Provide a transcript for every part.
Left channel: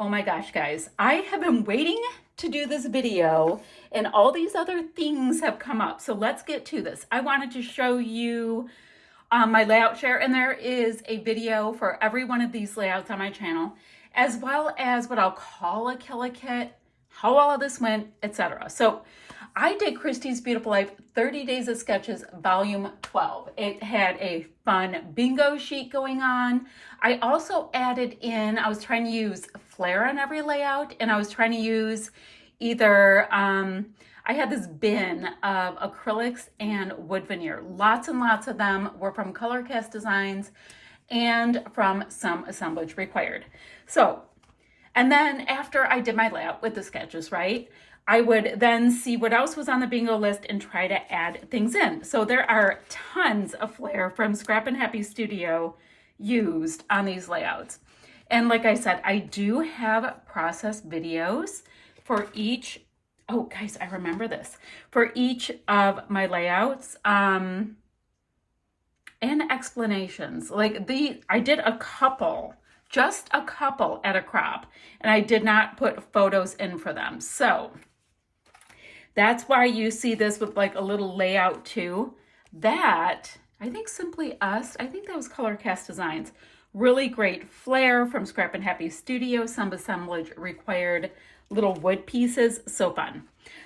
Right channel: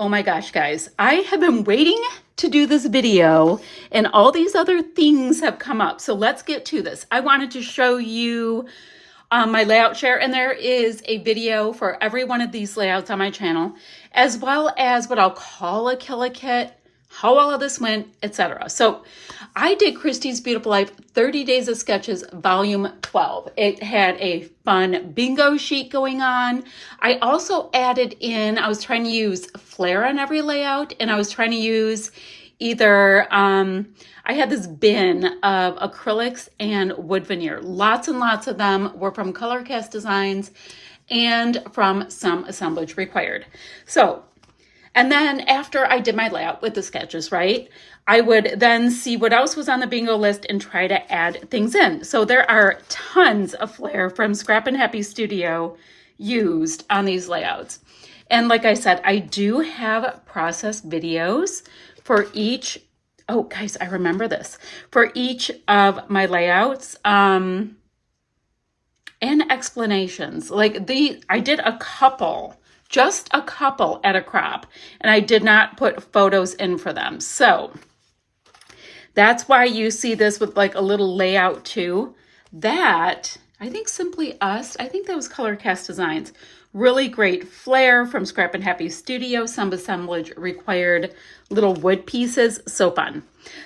Oh my gosh, guys, I have been waiting to do this video and all these other things have come up. So let's get to this. I wanted to show you my layout share, and there is a video for every one of these layouts on my channel, as well as what I'll call a killer kit, how all of this went, etc. So I did Christy's Beautiful Life 30 Days of Sketches Volume 12. It had a fun bingo sheet going on. I also added in, I was trying to use flair on every layout, and I was trying to use either, I had this bin of acrylics and wood veneer. Lots and lots of them were from Color Cast Designs and from Some Assemblage Required. So, and then after I did my layout with the sketches, right, I would then see what else was on the bingo list and try to add things in. So there are tons of flair from Scrap and Happy Studio used on these layouts. And like I said, I do have process videos for each, oh guys, I remember this, for each of my layouts and explanations. Like I did a couple, just a couple at a crop, and I did not put photos in for them. So that's why you see this with like a little layout too. That, I think Simply Us, I think that was Color Cast Designs. Really great flair from Scrap and Happy Studio, some assemblage required little wood pieces, so fun.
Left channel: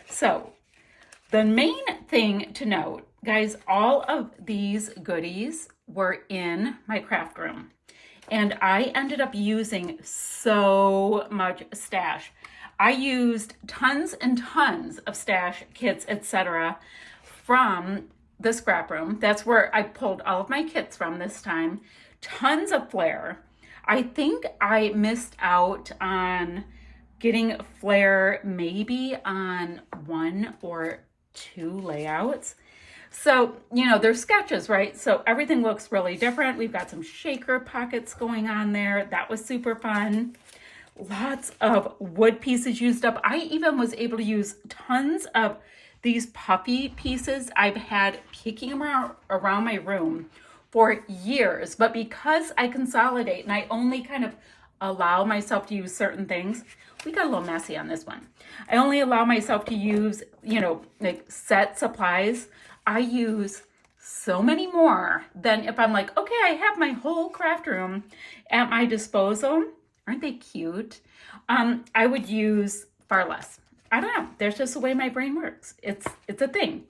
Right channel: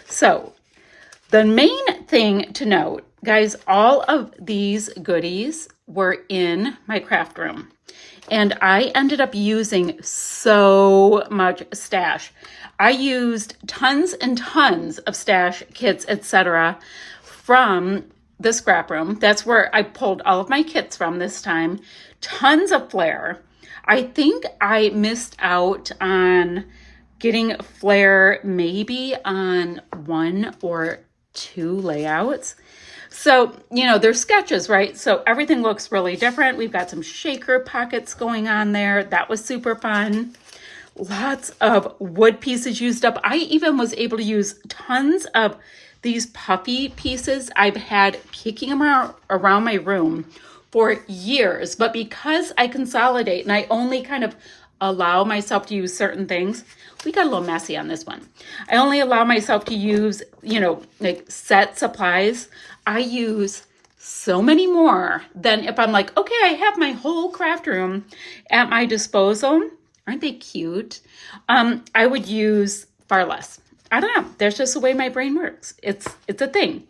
So the main thing to note, guys, all of these goodies were in my craft room. And I ended up using so much stash. I used tons and tons of stash kits, etc. from the scrap room. That's where I pulled all of my kits from this time. Tons of flair. I think I missed out on getting flair maybe on 1 or 2 layouts. So, you know, they're sketches, right? So everything looks really different. We've got some shaker pockets going on there. That was super fun. Lots of wood pieces used up. I even was able to use tons of these puffy pieces I've had kicking around my room for years. But because I consolidate and I only kind of allow myself to use certain things, we got a little messy on this one. I only allow myself to use, you know, like set supplies. I use so many more than if I'm like, okay, I have my whole craft room at my disposal. Aren't they cute? I would use far less. I don't know. There's just the way my brain works. It's a thing.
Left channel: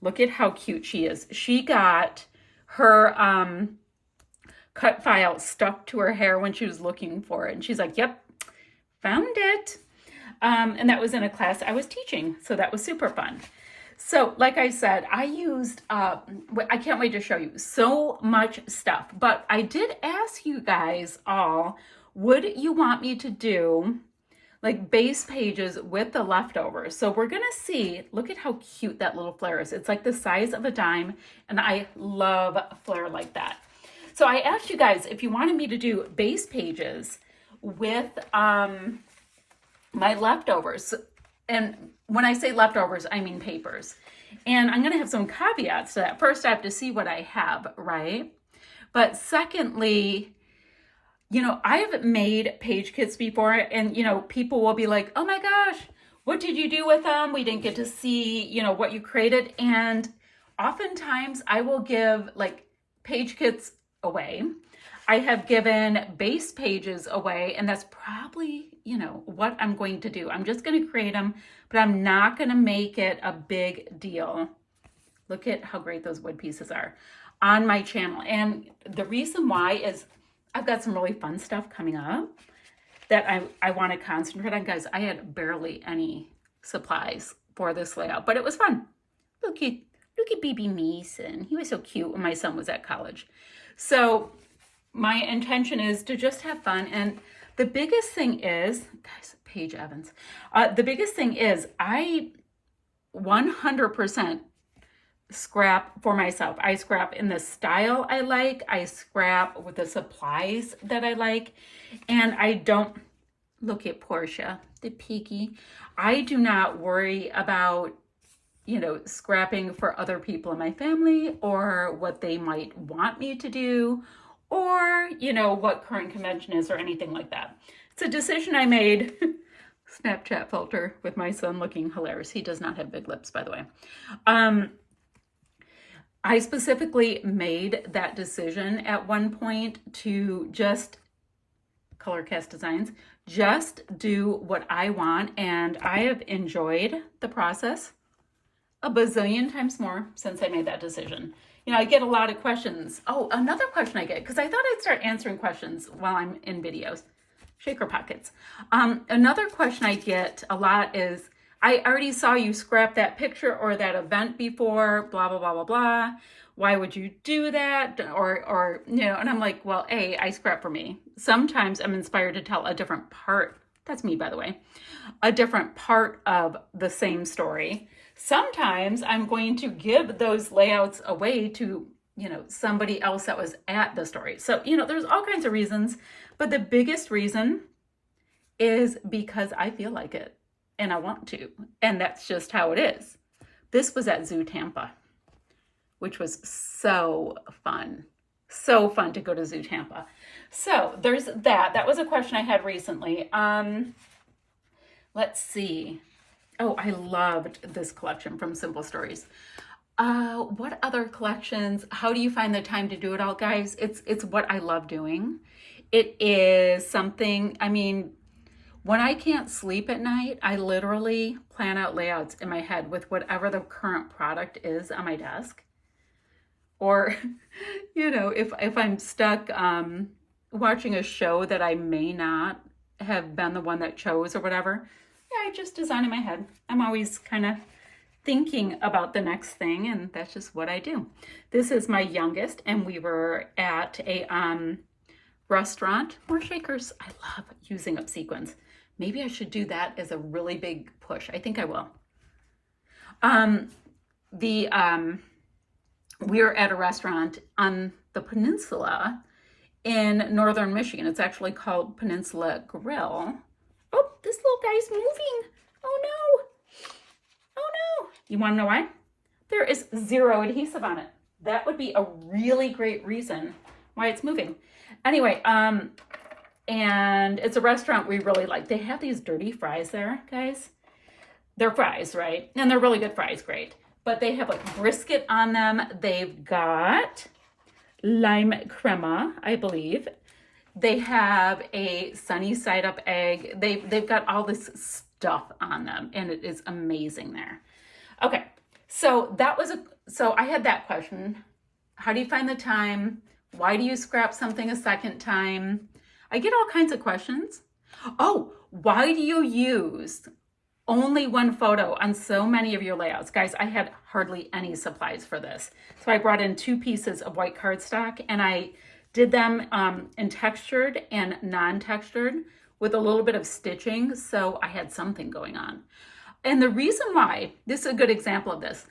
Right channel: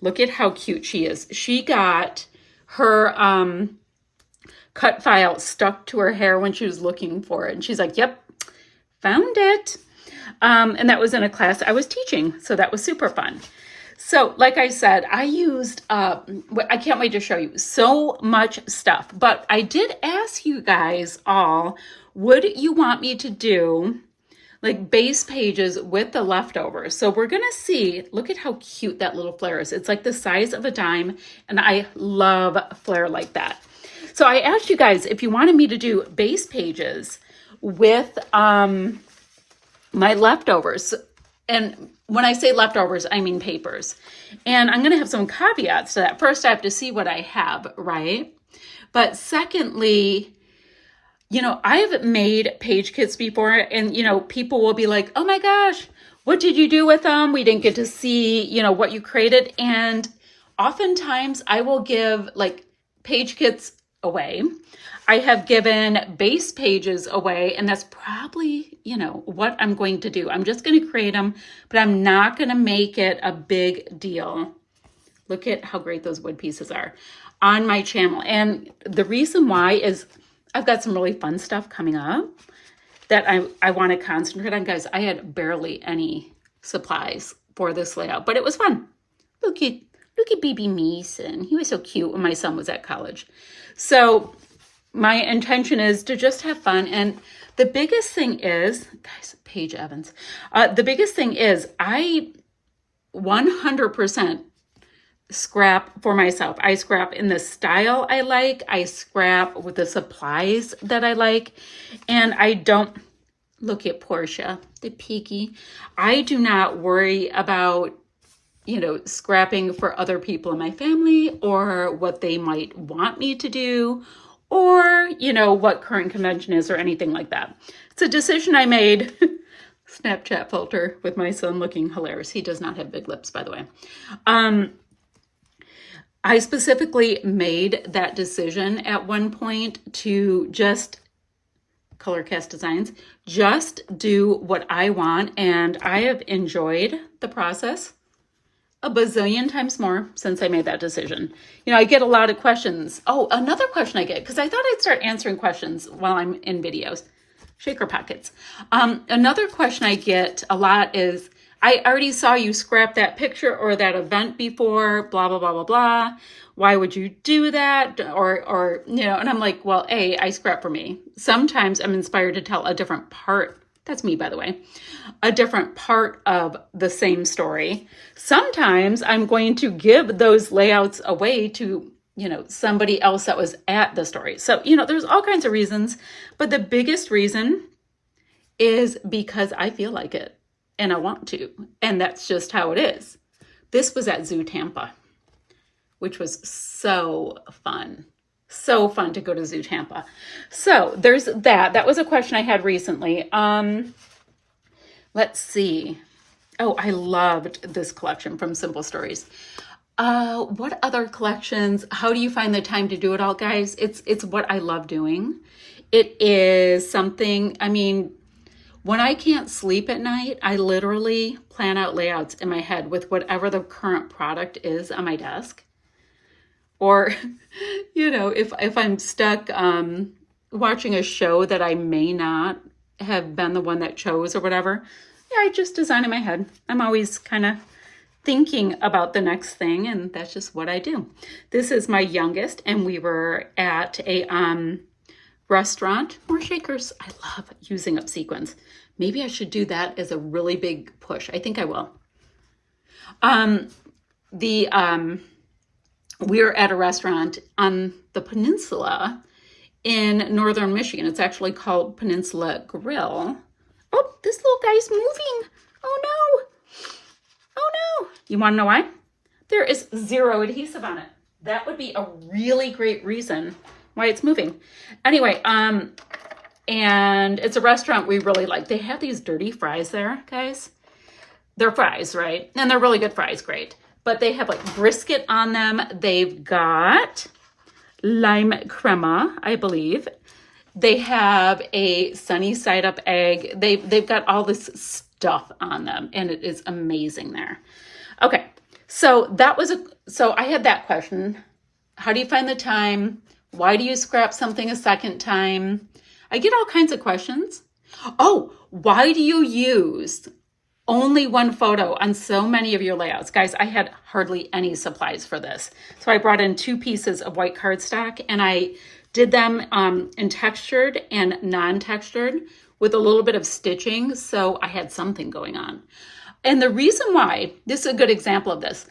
Look at how cute she is. She got her cut file stuck to her hair when she was looking for it. And she's like, yep, found it. And that was in a class I was teaching. So that was super fun. So like I said, I used, I can't wait to show you so much stuff, but I did ask you guys all, would you want me to do like base pages with the leftovers? So we're going to see, look at how cute that little flare is. It's like the size of a dime, and I love flare like that. So I asked you guys if you wanted me to do base pages with my leftovers. And when I say leftovers, I mean papers. And I'm going to have some caveats to that. First, I have to see what I have, right? But secondly, you know, I've made page kits before, and, you know, people will be like, oh my gosh, what did you do with them? We didn't get to see, you know, what you created. And oftentimes I will give like page kits away. I have given base pages away, and that's probably, you know, what I'm going to do. I'm just going to create them, but I'm not going to make it a big deal. Look at how great those wood pieces are on my channel. And the reason why is I've got some really fun stuff coming up that I want to concentrate on. Guys, I had barely any supplies for this layout, but it was fun. Look at baby Mason. He was so cute when my son was at college. So my intention is to just have fun. And the biggest thing is, guys, Paige Evans, the biggest thing is I 100% scrap for myself. I scrap in the style I like. I scrap with the supplies that I like. And I don't, look at Portia, the peaky. I do not worry about, you know, scrapping for other people in my family or what they might want me to do, or, you know, what current convention is or anything like that. It's a decision I made. Snapchat filter with my son looking hilarious. He does not have big lips, by the way. I specifically made that decision at one point to just Color Cast Designs, just do what I want. And I have enjoyed the process a bazillion times more since I made that decision. You know, I get a lot of questions. Oh, another question I get, because I thought I'd start answering questions while I'm in videos. Shaker pockets. Another question I get a lot is, I already saw you scrap that picture or that event before, blah, blah, blah, blah, blah. Why would you do that? Or, you know, and I'm like, well, I scrap for me. Sometimes I'm inspired to tell a different part. That's me, by the way. A different part of the same story. Sometimes I'm going to give those layouts away to, you know, somebody else that was at the story. So, you know, there's all kinds of reasons, but the biggest reason is because I feel like it and I want to, and that's just how it is. This was at Zoo Tampa, which was so fun. So fun to go to Zoo Tampa. So there's that. That was a question I had recently. Let's see. Oh, I loved this collection from Simple Stories. What other collections? How do you find the time to do it all, guys? It's what I love doing. It is something, I mean, when I can't sleep at night, I literally plan out layouts in my head with whatever the current product is on my desk. Or, you know, if I'm stuck watching a show that I may not have been the one that chose or whatever, yeah, I just design in my head. I'm always kind of thinking about the next thing, and that's just what I do. This is my youngest, and we were at a restaurant. More shakers. I love using up sequins. Maybe I should do that as a really big push. I think I will. We're at a restaurant on the peninsula in northern Michigan. It's actually called Peninsula Grill. Oh, this little guy's moving. Oh no. Oh no. You want to know why? There is zero adhesive on it. That would be a really great reason why it's moving. Anyway, and it's a restaurant we really like. They have these dirty fries there, guys. They're fries, right? And they're really good fries, great. But they have like brisket on them. They've got lime crema, I believe. They have a sunny side up egg. They've got all this stuff on them, and it is amazing there. Okay, so I had that question. How do you find the time? Why do you scrap something a second time? I get all kinds of questions. Oh, why do you use only one photo on so many of your layouts? Guys, I had hardly any supplies for this. So I brought in 2 pieces of white cardstock, and I did them in textured and non-textured with a little bit of stitching. So I had something going on. And the reason why, this is a good example of this.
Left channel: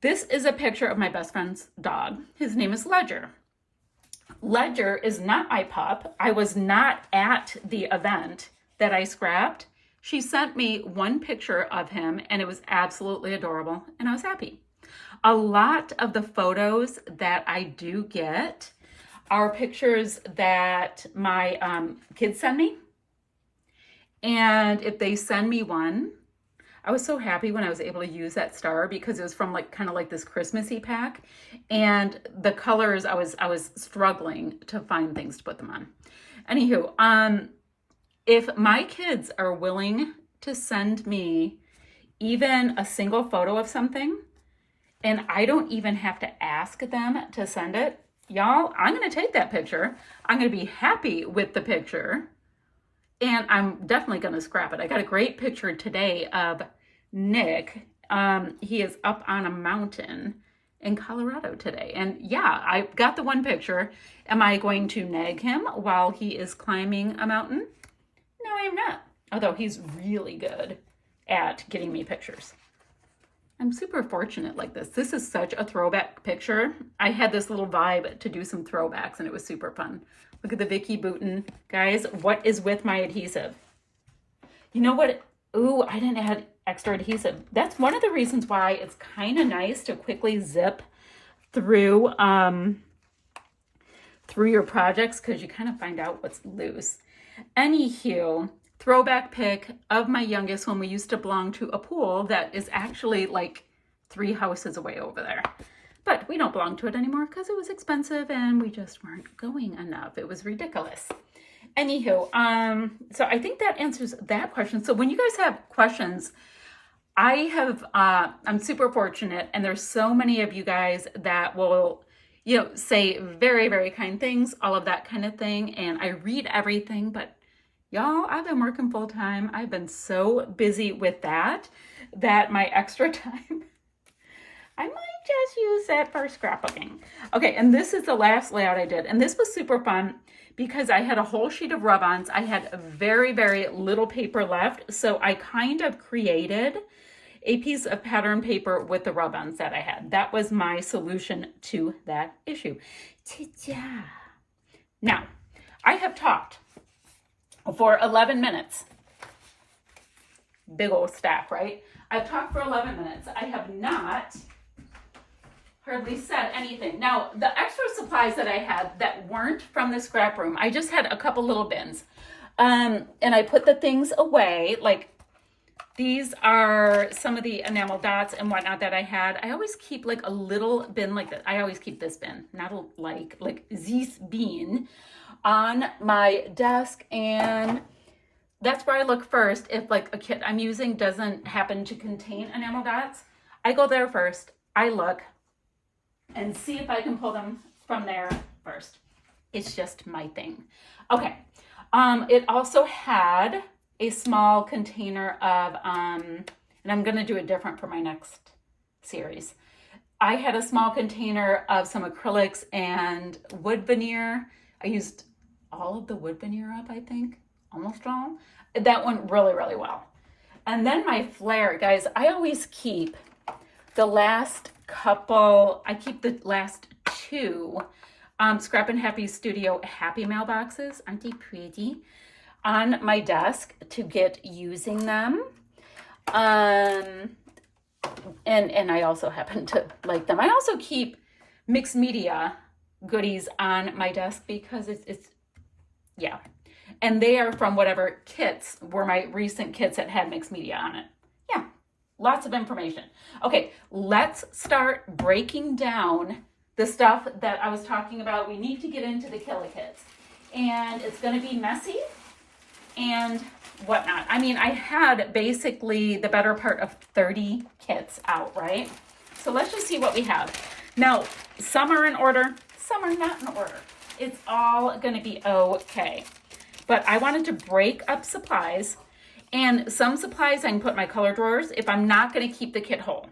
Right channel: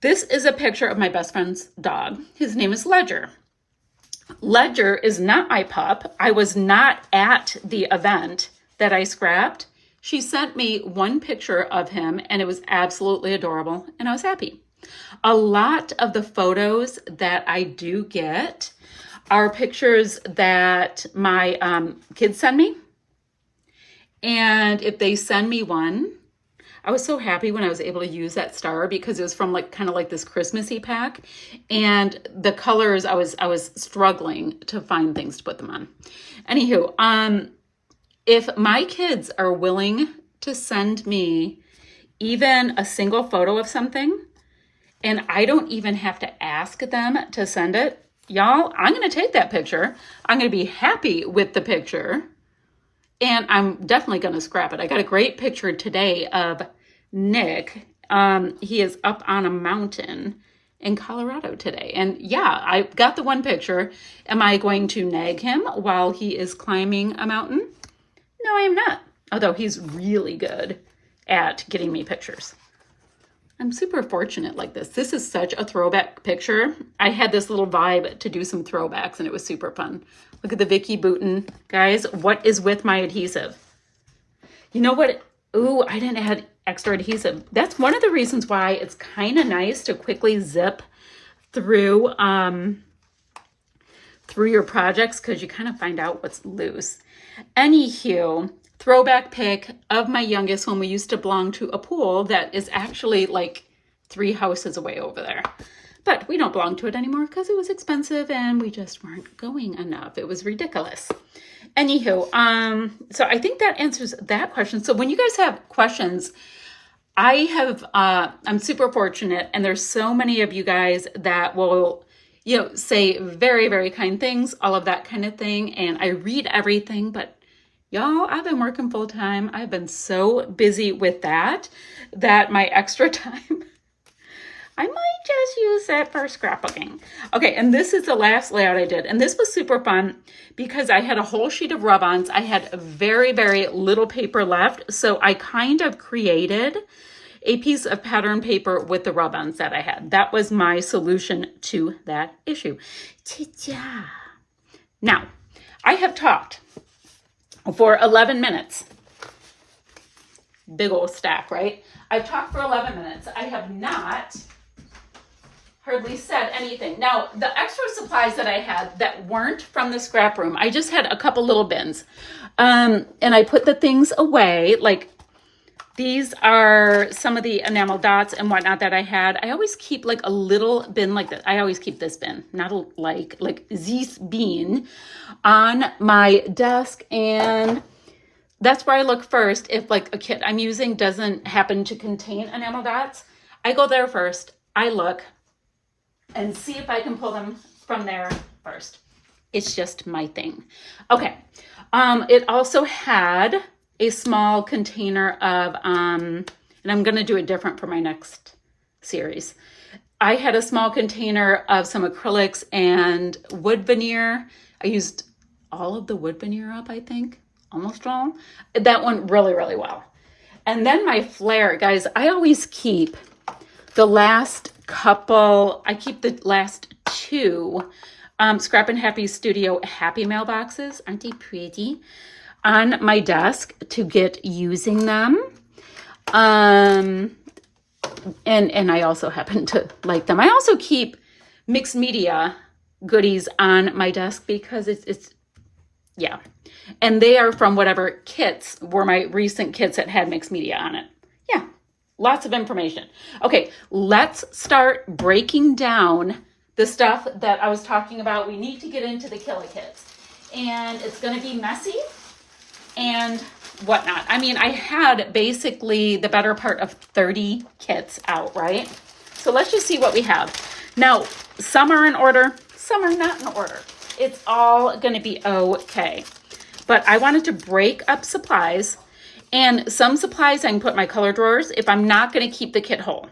This is a picture of my best friend's dog. His name is Ledger. Ledger is not my pup. I was not at the event that I scrapped. She sent me one picture of him, and it was absolutely adorable, and I was happy. A lot of the photos that I do get are pictures that my kids send me. And if they send me one, I was so happy when I was able to use that star because it was from like kind of like this Christmassy pack, and the colors I was struggling to find things to put them on. Anywho, if my kids are willing to send me even a single photo of something, and I don't even have to ask them to send it, y'all, I'm going to take that picture. I'm going to be happy with the picture, and I'm definitely going to scrap it. I got a great picture today of Nick. He is up on a mountain in Colorado today. And yeah, I got the one picture. Am I going to nag him while he is climbing a mountain? No, I am not. Although he's really good at getting me pictures. I'm super fortunate like this. This is such a throwback picture. I had this little vibe to do some throwbacks, and it was super fun. Look at the Vicky Bouton. Guys, what is with my adhesive? You know what? Ooh, I didn't add extra adhesive. That's one of the reasons why it's kind of nice to quickly zip through through your projects because you kind of find out what's loose. Anywho, throwback pic of my youngest when we used to belong to a pool that is actually like 3 houses away over there. But we don't belong to it anymore because it was expensive and we just weren't going enough. It was ridiculous. Anywho, so I think that answers that question. So when you guys have questions, I'm super fortunate, and there's so many of you guys that will, say very, very kind things, all of that kind of thing. And I read everything, but y'all, I've been working full time. I've been so busy with that my extra time, I might just use it for scrapbooking. Okay, and this is the last layout I did. And this was super fun because I had a whole sheet of rub-ons. I had very, very little paper left. So I kind of created a piece of pattern paper with the rub-ons that I had. That was my solution to that issue. Ta-da! Now, I have talked for 11 minutes. Big old stack, right? I've talked for 11 minutes. I have not hardly said anything. Now, the extra supplies that I had that weren't from the scrap room, I just had a couple little bins. And I put the things away, like these are some of the enamel dots and whatnot that I had. I always keep like a little bin like that. I always keep this bin, not like this bin on my desk. And that's where I look first. If like a kit I'm using doesn't happen to contain enamel dots, I go there first. I look and see if I can pull them from there first. It's just my thing. Okay. It also had a small container of, and I'm going to do it different for my next series. I had a small container of some acrylics and wood veneer. I used all of the wood veneer up, I think, almost all. That went really, really well. And then my flare, guys, I always keep the last couple, I keep the last 2 Scrap and Happy Studio Happy mailboxes. Aren't they pretty? On my desk to get using them. And I also happen to like them. I also keep mixed media goodies on my desk because it's yeah. And they are from whatever kits were my recent kits that had mixed media on it. Yeah, lots of information. Okay, let's start breaking down the stuff that I was talking about. We need to get into the killer kits. And it's going to be messy and whatnot. I mean, I had basically the better part of 30 kits out, right? So let's just see what we have. Now, some are in order, some are not in order. It's all going to be okay. But I wanted to break up supplies, and some supplies I can put in my color drawers if I'm not going to keep the kit whole.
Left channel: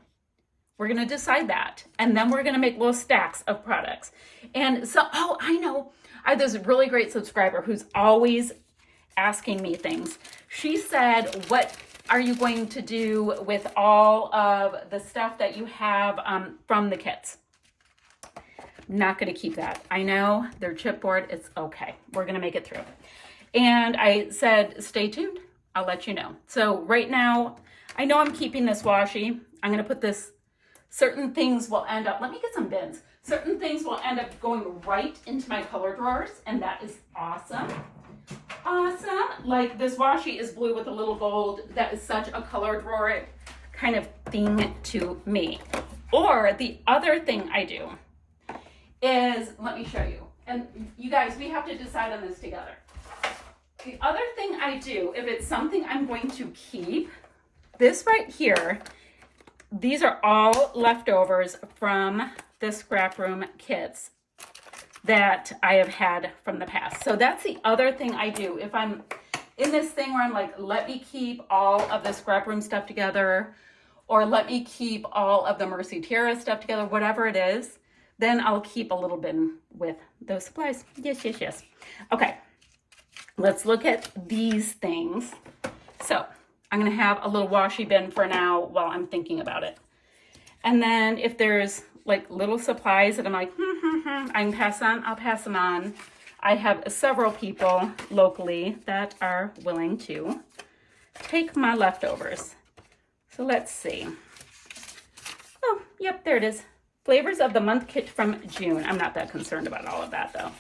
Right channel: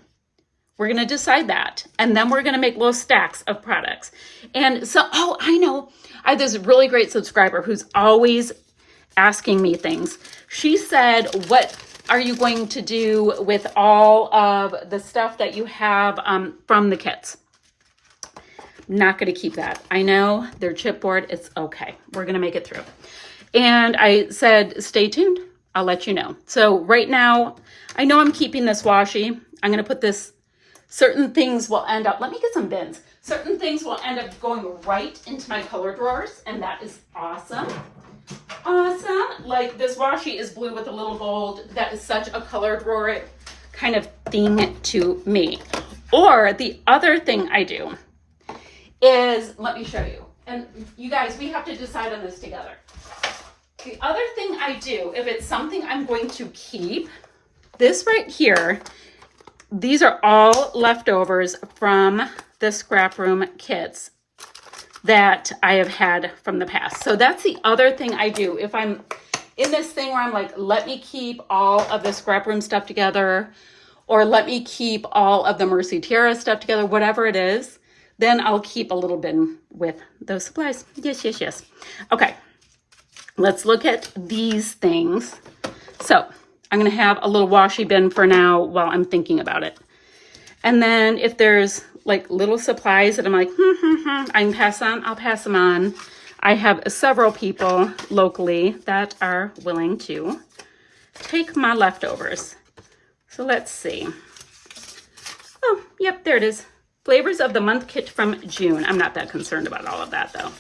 We're going to decide that. And then we're going to make little stacks of products. And so, oh, I know. I have this really great subscriber who's always asking me things. She said, what are you going to do with all of the stuff that you have from the kits? Not going to keep that. I know they're chipboard. It's okay. We're going to make it through. And I said, stay tuned. I'll let you know. So right now, I know I'm keeping this washi. I'm going to put this, certain things will end up, let me get some bins. Certain things will end up going right into my color drawers. And that is awesome. Awesome. Like this washi is blue with a little gold. That is such a color drawer kind of thing to me. Or the other thing I do is, let me show you. And you guys, we have to decide on this together. The other thing I do, if it's something I'm going to keep, this right here, these are all leftovers from the scrap room kits that I have had from the past. So that's the other thing I do. If I'm in this thing where I'm like, let me keep all of the scrap room stuff together, or let me keep all of the Mercy Tiara stuff together, whatever it is, then I'll keep a little bin with those supplies. Yes, yes, yes. Okay, let's look at these things. So I'm gonna have a little washi bin for now while I'm thinking about it. And then if there's like little supplies that I'm like, I can pass on, I'll pass them on. I have several people locally that are willing to take my leftovers. So let's see. Oh, yep, there it is. Flavors of the Month kit from June. I'm not that concerned about all of that though.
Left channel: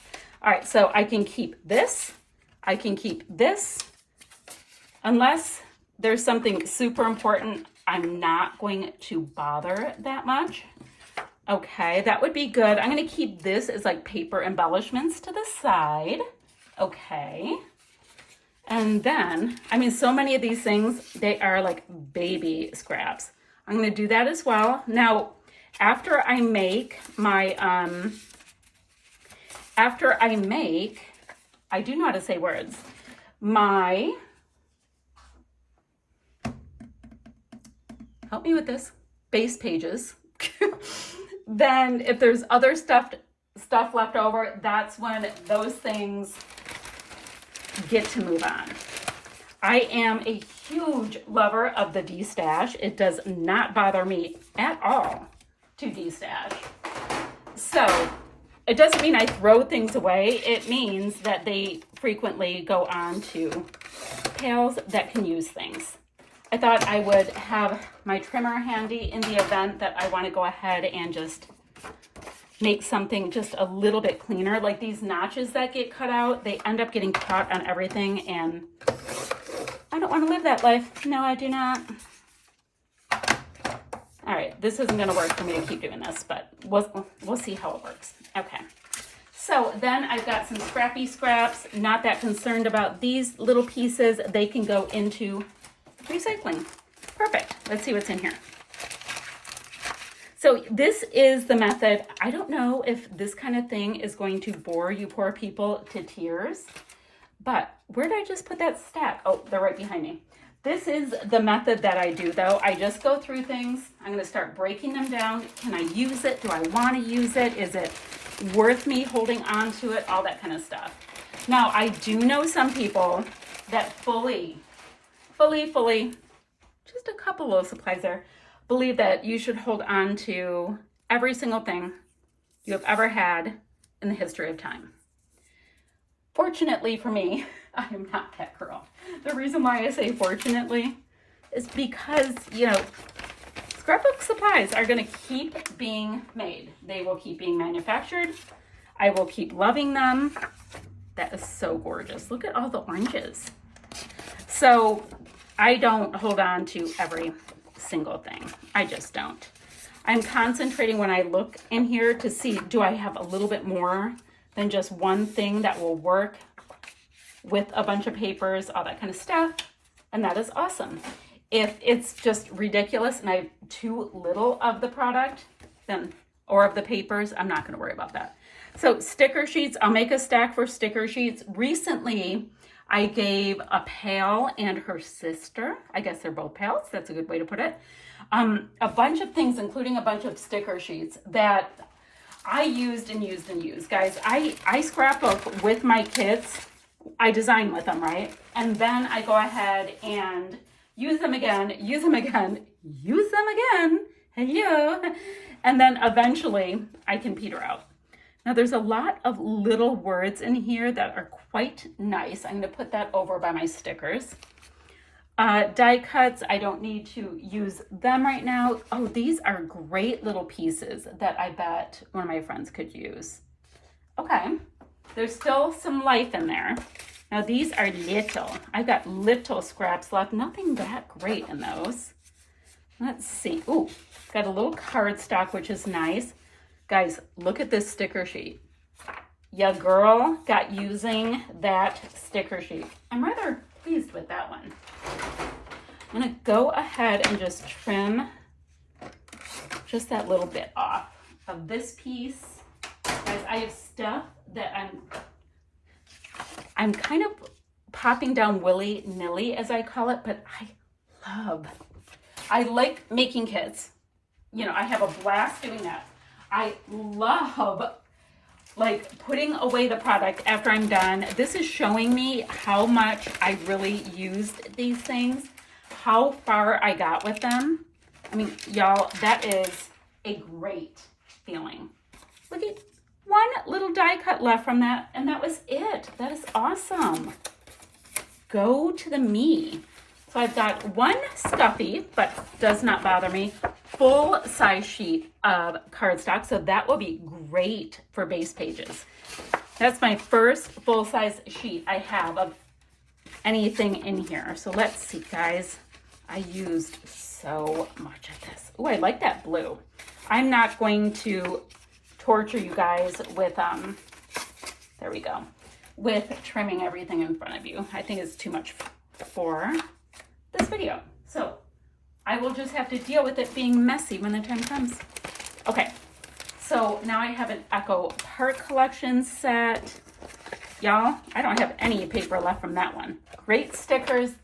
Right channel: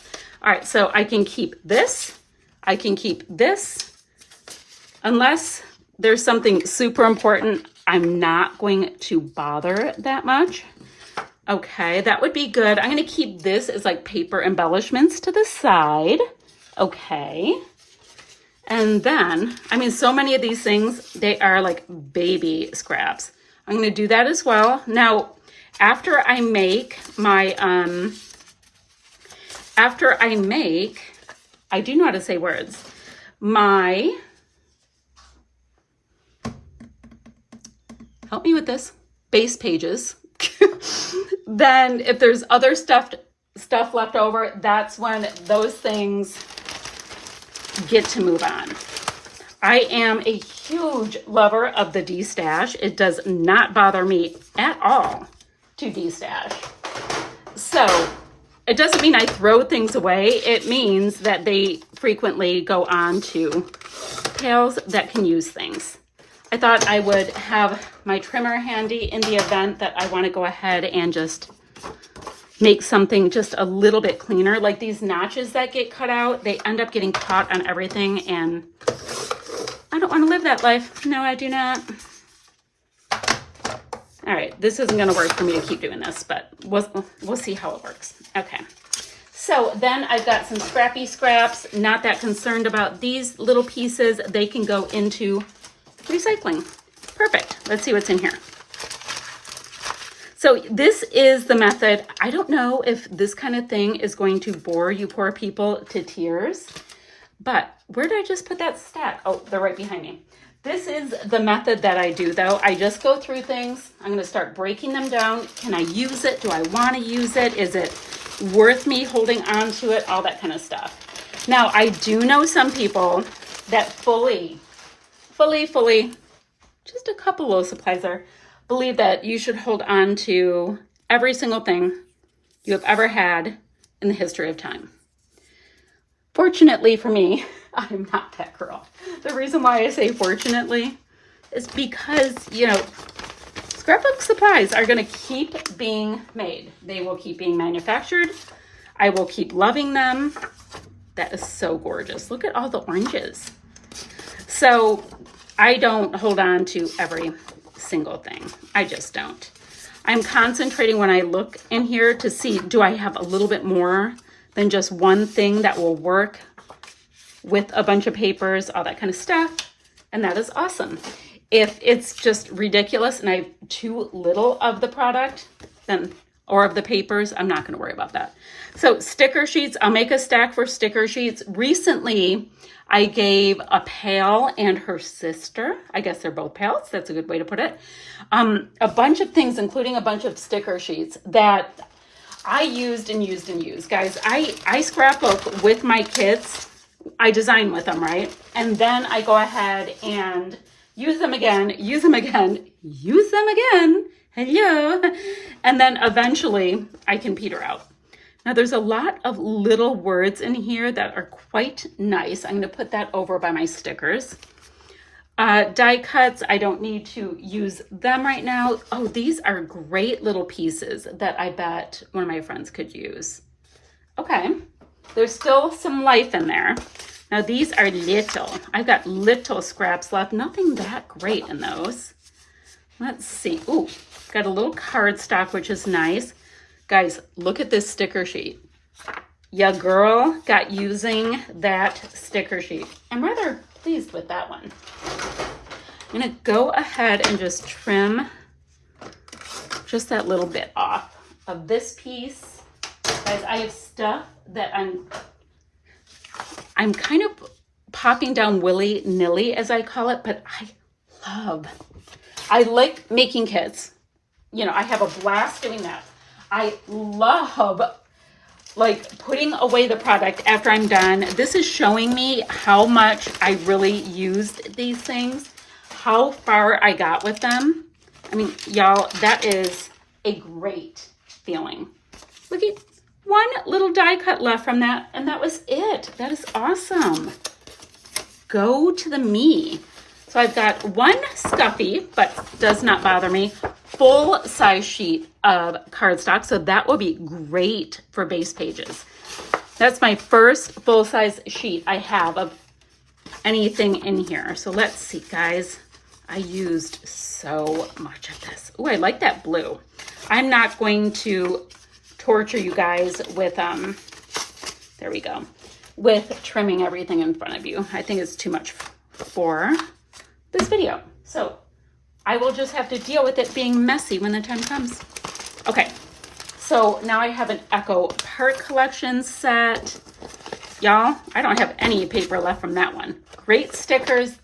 All right, so I can keep this. I can keep this. Unless there's something super important, I'm not going to bother that much. Okay, that would be good. I'm going to keep this as like paper embellishments to the side. Okay. And then, I mean, so many of these things, they are like baby scraps. I'm going to do that as well. Now, after I make my, I do know how to say words, help me with this, base pages. Then if there's other stuff left over, that's when those things get to move on. I am a huge lover of the destash. It does not bother me at all to destash. So it doesn't mean I throw things away. It means that they frequently go on to pails that can use things. I thought I would have my trimmer handy in the event that I want to go ahead and just make something just a little bit cleaner. Like these notches that get cut out, they end up getting caught on everything, and I don't want to live that life. No, I do not. All right, this isn't going to work for me to keep doing this, but we'll see how it works. Okay. So then I've got some scrappy scraps. Not that concerned about these little pieces. They can go into recycling. Perfect. Let's see what's in here. So this is the method. I don't know if this kind of thing is going to bore you poor people to tears, but where did I just put that stack? Oh, they're right behind me. This is the method that I do though. I just go through things. I'm going to start breaking them down. Can I use it? Do I want to use it? Is it worth me holding on to it? All that kind of stuff. Now, I do know some people that fully, just a couple little supplies there, believe that you should hold on to every single thing you have ever had in the history of time. Fortunately for me, I'm not that girl. The reason why I say fortunately is because, you know, scrapbook supplies are going to keep being made. They will keep being manufactured. I will keep loving them. That is so gorgeous. Look at all the oranges. So I don't hold on to every single thing. I just don't. I'm concentrating when I look in here to see, do I have a little bit more than just one thing that will work with a bunch of papers, all that kind of stuff. And that is awesome. If it's just ridiculous and I have too little of the product, then, or of the papers, I'm not going to worry about that. So sticker sheets, I'll make a stack for sticker sheets. Recently, I gave a pal and her sister, I guess they're both pals, that's a good way to put it, a bunch of things, including a bunch of sticker sheets that I used and used and used. Guys, I scrapbook with my kids. I design with them, right? And then I go ahead and use them again, use them again, use them again. Hello. And then eventually I can peter out. Now there's a lot of little words in here that are quite nice. I'm going to put that over by my stickers. Die cuts, I don't need to use them right now. Oh, these are great little pieces that I bet one of my friends could use. Okay, there's still some life in there. Now these are little. I've got little scraps left. Nothing that great in those. Let's see. Ooh, got a little cardstock, which is nice. Guys, look at this sticker sheet. Ya girl got using that sticker sheet. I'm rather pleased with that one. I'm gonna go ahead and just trim just that little bit off of this piece. Guys, I have stuff that I'm kind of popping down willy-nilly, as I call it, but I like making kits. You know, I have a blast doing that. I love like putting away the product after I'm done. This is showing me how much I really used these things, how far I got with them. I mean, y'all, that is a great feeling. Look at one little die cut left from that, and that was it. That is awesome. Go to the me. So I've got one stuffy, but does not bother me, full size sheet of cardstock. So that will be great for base pages. That's my first full-size sheet I have of anything in here. So let's see, guys. I used so much of this. Oh, I like that blue. I'm not going to torture you guys with, there we go, with trimming everything in front of you. I think it's too much for this video. So I will just have to deal with it being messy when the time comes. Okay, so now I have an Echo Park collection set. Y'all, I don't have any paper left from that one. Great stickers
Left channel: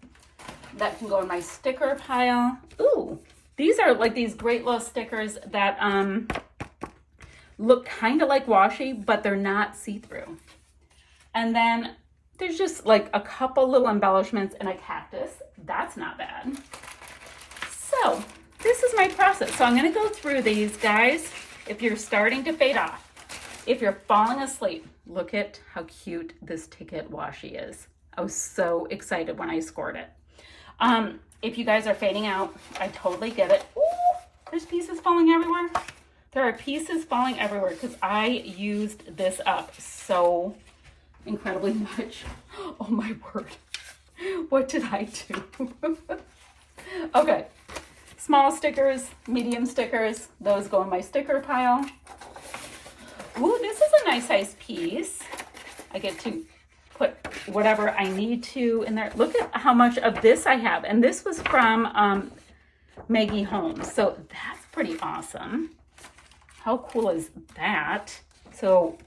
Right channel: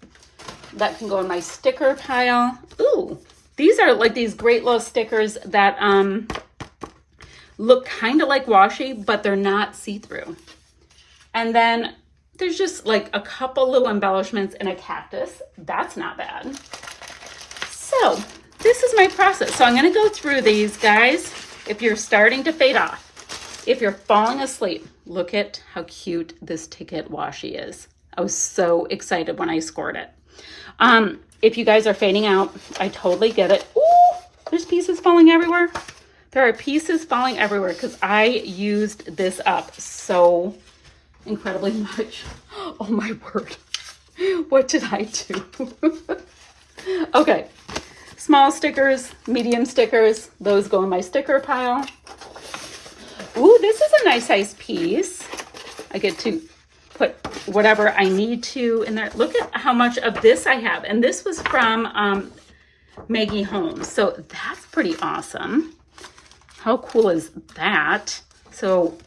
that can go in my sticker pile. Ooh, these are like these great little stickers that look kind of like washi, but they're not see-through. And then there's just like a couple little embellishments and a cactus. That's not bad. So this is my process. So I'm going to go through these, guys. If you're starting to fade off, if you're falling asleep, look at how cute this ticket washi is. I was so excited when I scored it. If you guys are fading out, I totally get it. Ooh, there's pieces falling everywhere. There are pieces falling everywhere because I used this up so incredibly much. Oh my word. What did I do? Okay. Small stickers, medium stickers, those go in my sticker pile. Ooh, this is a nice size piece. I get to put whatever I need to in there. Look at how much of this I have. And this was from Maggie Holmes. So that's pretty awesome. How cool is that? So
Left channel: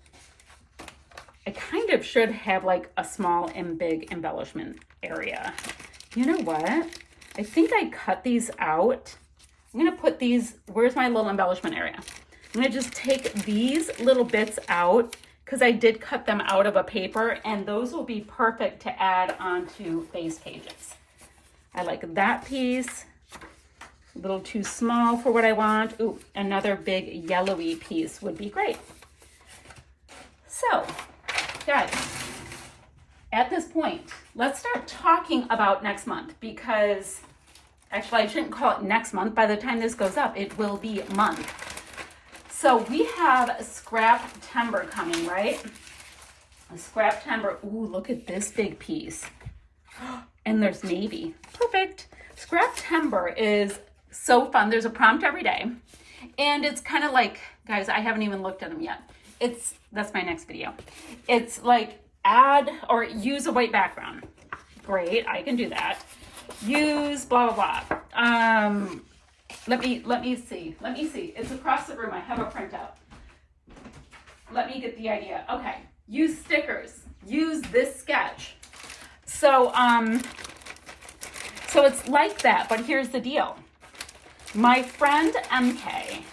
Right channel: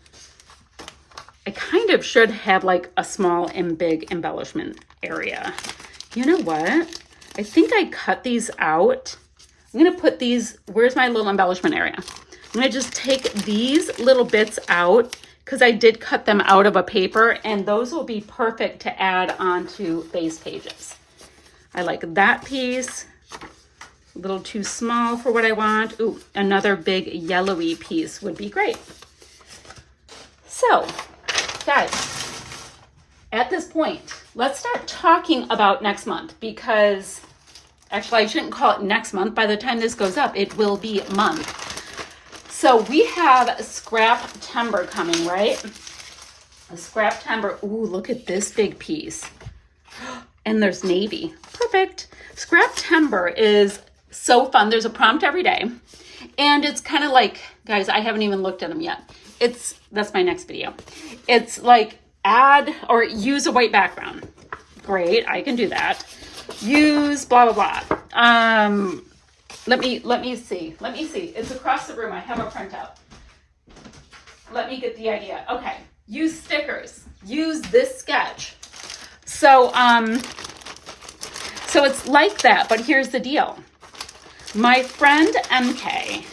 I kind of should have like a small and big embellishment area. You know what? I think I cut these out. I'm going to put these, where's my little embellishment area? I'm going to just take these little bits out because I did cut them out of a paper, and those will be perfect to add onto base pages. I like that piece. A little too small for what I want. Ooh, another big yellowy piece would be great. So, guys, at this point, let's start talking about next month, because actually I shouldn't call it next month. By the time this goes up, it will be a month. So we have Scrap-Timber coming, right? A Scrap-Timber. Ooh, look at this big piece. And there's navy. Perfect. Scrap-Timber is so fun. There's a prompt every day. And it's kind of like, guys, I haven't even looked at them yet. That's my next video. It's like add or use a white background. Great, I can do that. Use blah, blah, blah. Let me see. It's across the room. I have a printout. Let me get the idea. Okay. Use stickers. Use this sketch. So it's like that, but here's the deal. My friend MK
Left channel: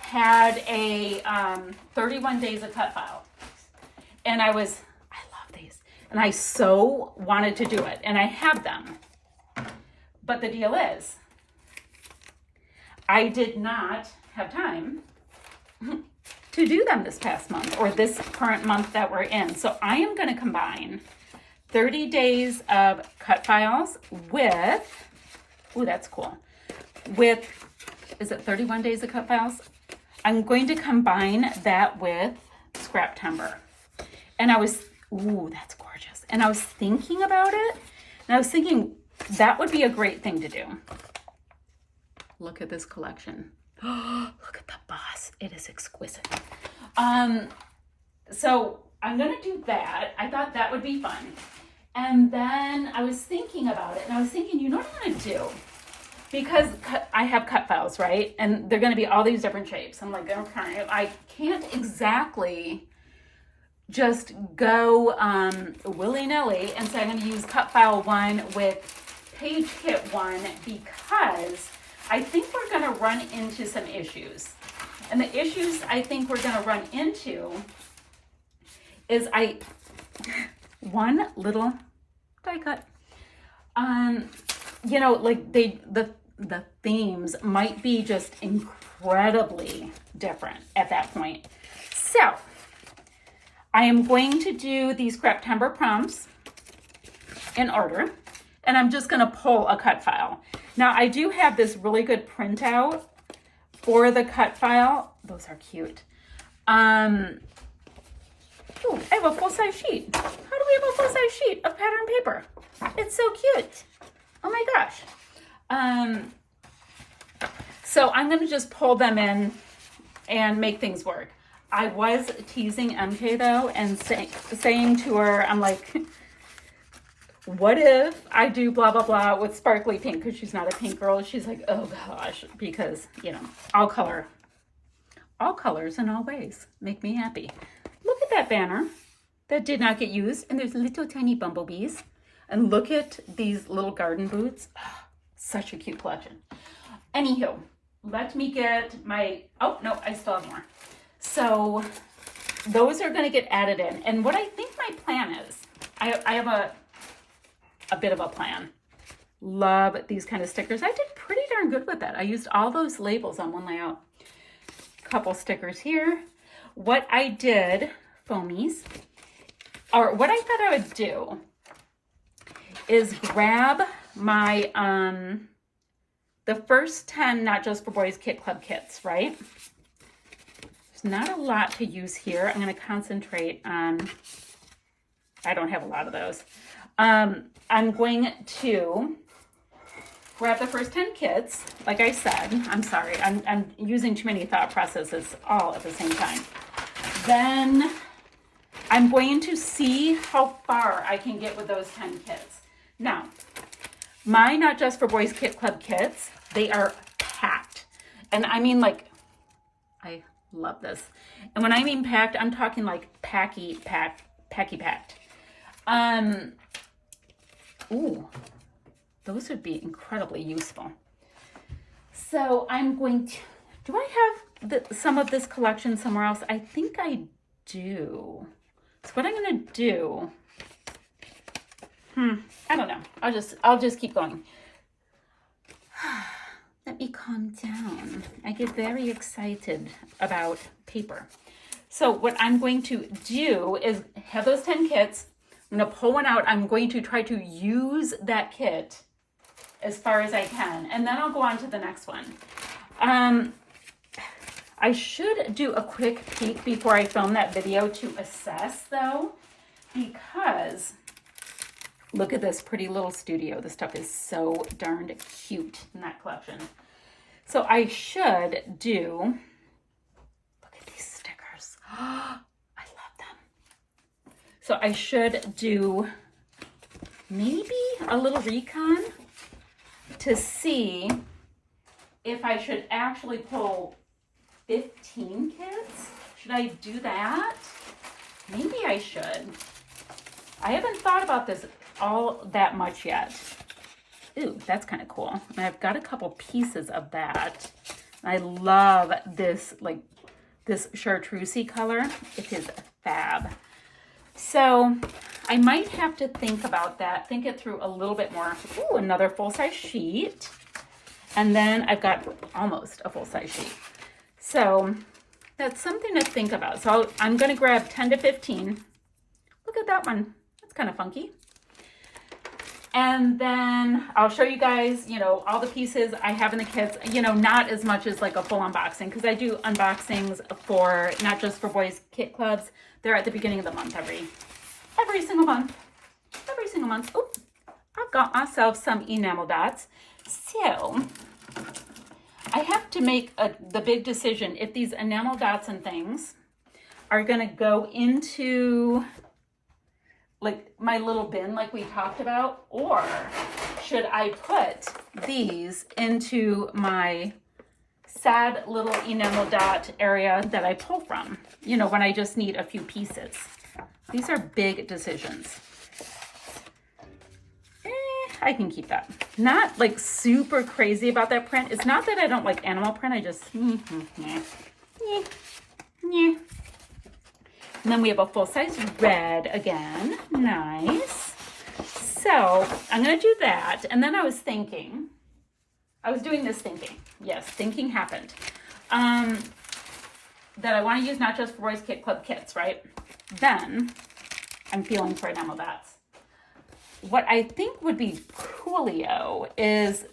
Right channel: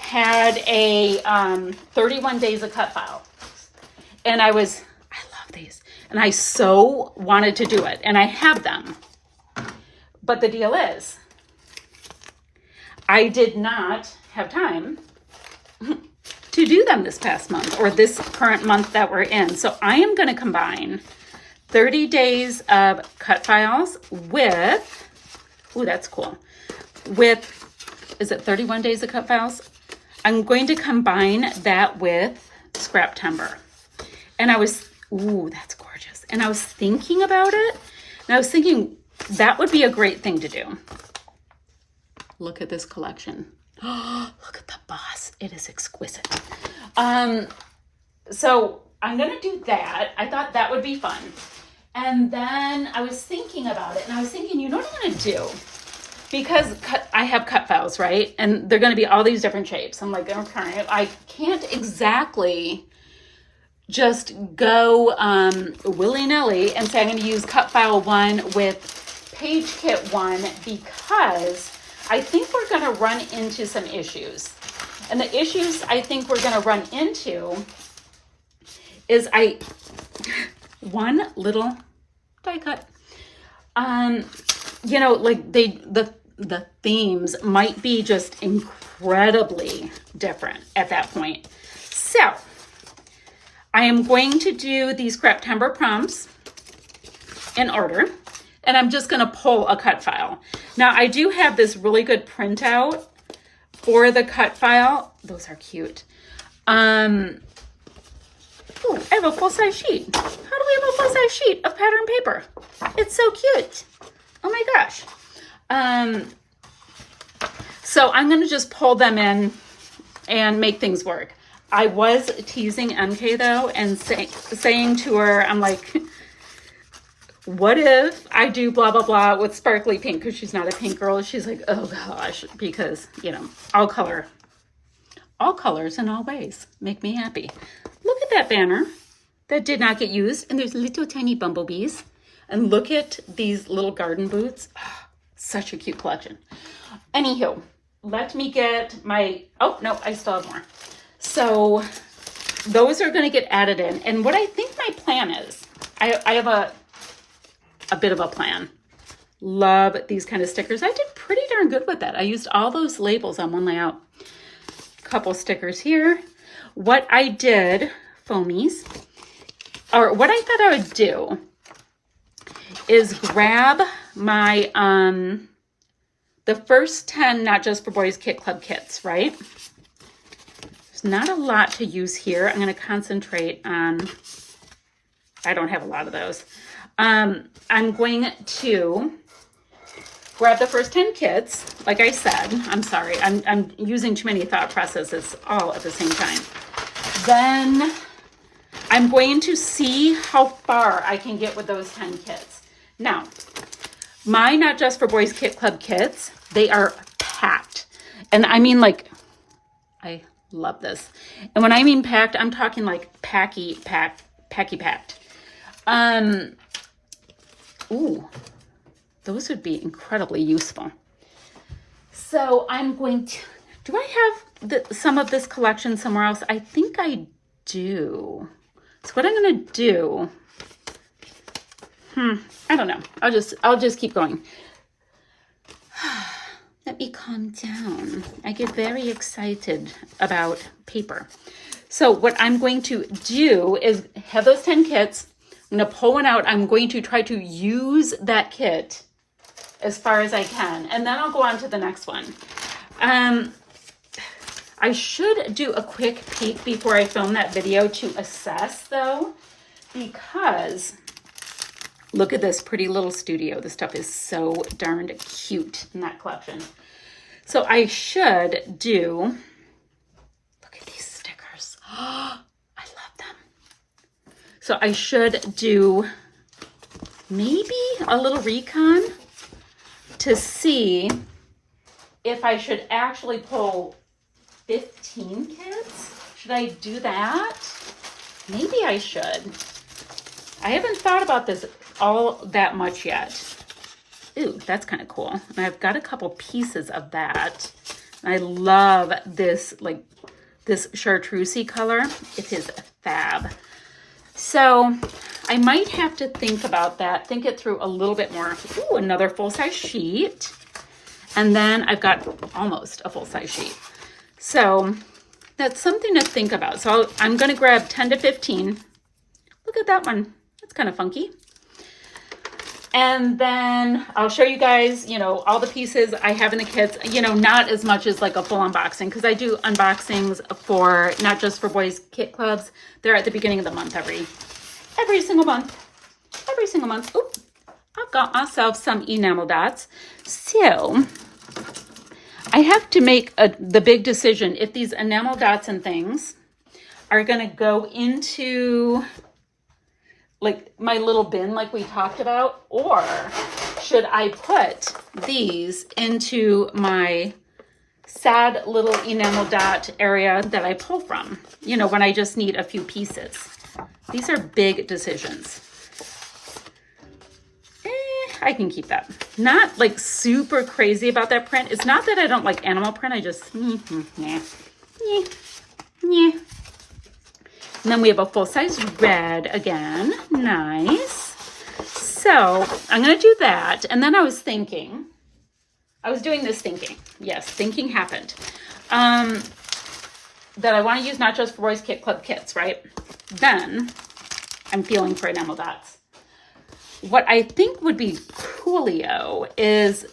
had a 31 days of cut file. And I love these. And I so wanted to do it. And I have them. But the deal is, I did not have time to do them this past month or this current month that we're in. So I am going to combine 30 days of cut files with, ooh, that's cool, with, is it 31 days of cut files? I'm going to combine that with Scrap-Timber. And I was, ooh, that's gorgeous. And I was thinking about it, and I was thinking that would be a great thing to do. Look at this collection. Oh, look at the boss. It is exquisite. So I'm going to do that. I thought that would be fun. And then I was thinking about it, and I was thinking, you know what I'm going to do? Because I have cut files, right? And they're going to be all these different shapes. I'm like, okay, I can't exactly just go willy-nilly and say I'm going to use cut file 1 with page kit 1, because I think we're going to run into some issues. And the issues I think we're going to run into is one little die cut. You know, like the themes might be just incredibly different at that point. So I am going to do these Scrap-Timber prompts in order, and I'm just going to pull a cut file. Now I do have this really good printout for the cut file. Those are cute. Ooh, I have a full-size sheet. How do we have a full-size sheet of pattern paper? It's so cute. Oh my gosh. So I'm going to just pull them in and make things work. I was teasing MK though and saying to her, I'm like, what if I do blah, blah, blah with sparkly pink? Because she's not a pink girl. She's like, oh gosh, because, you know, all colors in all ways make me happy. Look at that banner that did not get used. And there's little tiny bumblebees. And look at these little garden boots. Oh, such a cute collection. Anywho, let me get my, oh no, I still have more. So those are going to get added in. And what I think my plan is, I have a bit of a plan. Love these kind of stickers. I did pretty darn good with that. I used all those labels on one layout. Couple stickers here. What I did, foamies, or what I thought I would do is grab my, the first 10 Not Just for Boys Kit Club kits, right? There's not a lot to use here. I'm going to concentrate on, I don't have a lot of those. I'm going to grab the first 10 kits. Like I said, I'm sorry, I'm using too many thought processes all at the same time. Then I'm going to see how far I can get with those 10 kits. Now, my Not Just for Boys Kit Club kits, they are packed. And I mean, like, I love this. And when I mean packed, I'm talking like packy packed. Ooh, those would be incredibly useful. So I'm going to, do I have some of this collection somewhere else? I think I do. So what I'm going to do, I don't know. I'll just keep going. Let me calm down. I get very excited about paper. So what I'm going to do is have those 10 kits. I'm going to pull one out. I'm going to try to use that kit as far as I can. And then I'll go on to the next one. I should do a quick peek before I film that video to assess though, because look at this pretty little studio. This stuff is so darned cute in that collection. So I should do, look at these stickers. I love them. So I should do maybe a little recon to see if I should actually pull 15 kits. Should I do that? Maybe I should. I haven't thought about this all that much yet. Ooh, that's kind of cool. And I've got a couple pieces of that. I love this, like this chartreusey color. It is fab. So I might have to think about that, think it through a little bit more. Ooh, another full-size sheet. And then I've got almost a full-size sheet. So that's something to think about. So I'm going to grab 10 to 15. Look at that one. That's kind of funky. And then I'll show you guys, you know, all the pieces I have in the kits, you know, not as much as like a full unboxing, because I do unboxings for Not Just for Boys Kit Clubs. They're at the beginning of the month every single month. Every single month. Oop, I've got myself some enamel dots. So I have to make the big decision if these enamel dots and things are going to go into like my little bin like we talked about, or should I put these into my sad little enamel dot area that I pull from, you know, when I just need a few pieces. These are big decisions. I can keep that. Not like super crazy about that print. It's not that I don't like animal print. I just, yeah. And then we have a full-size red again. Nice. So I'm going to do that. And then I was thinking, I was doing this thinking. Yes, thinking happened. That I want to use Not Just for Boys Kit Club kits, right? Then I'm feeling for enamel dots. What I think would be coolio is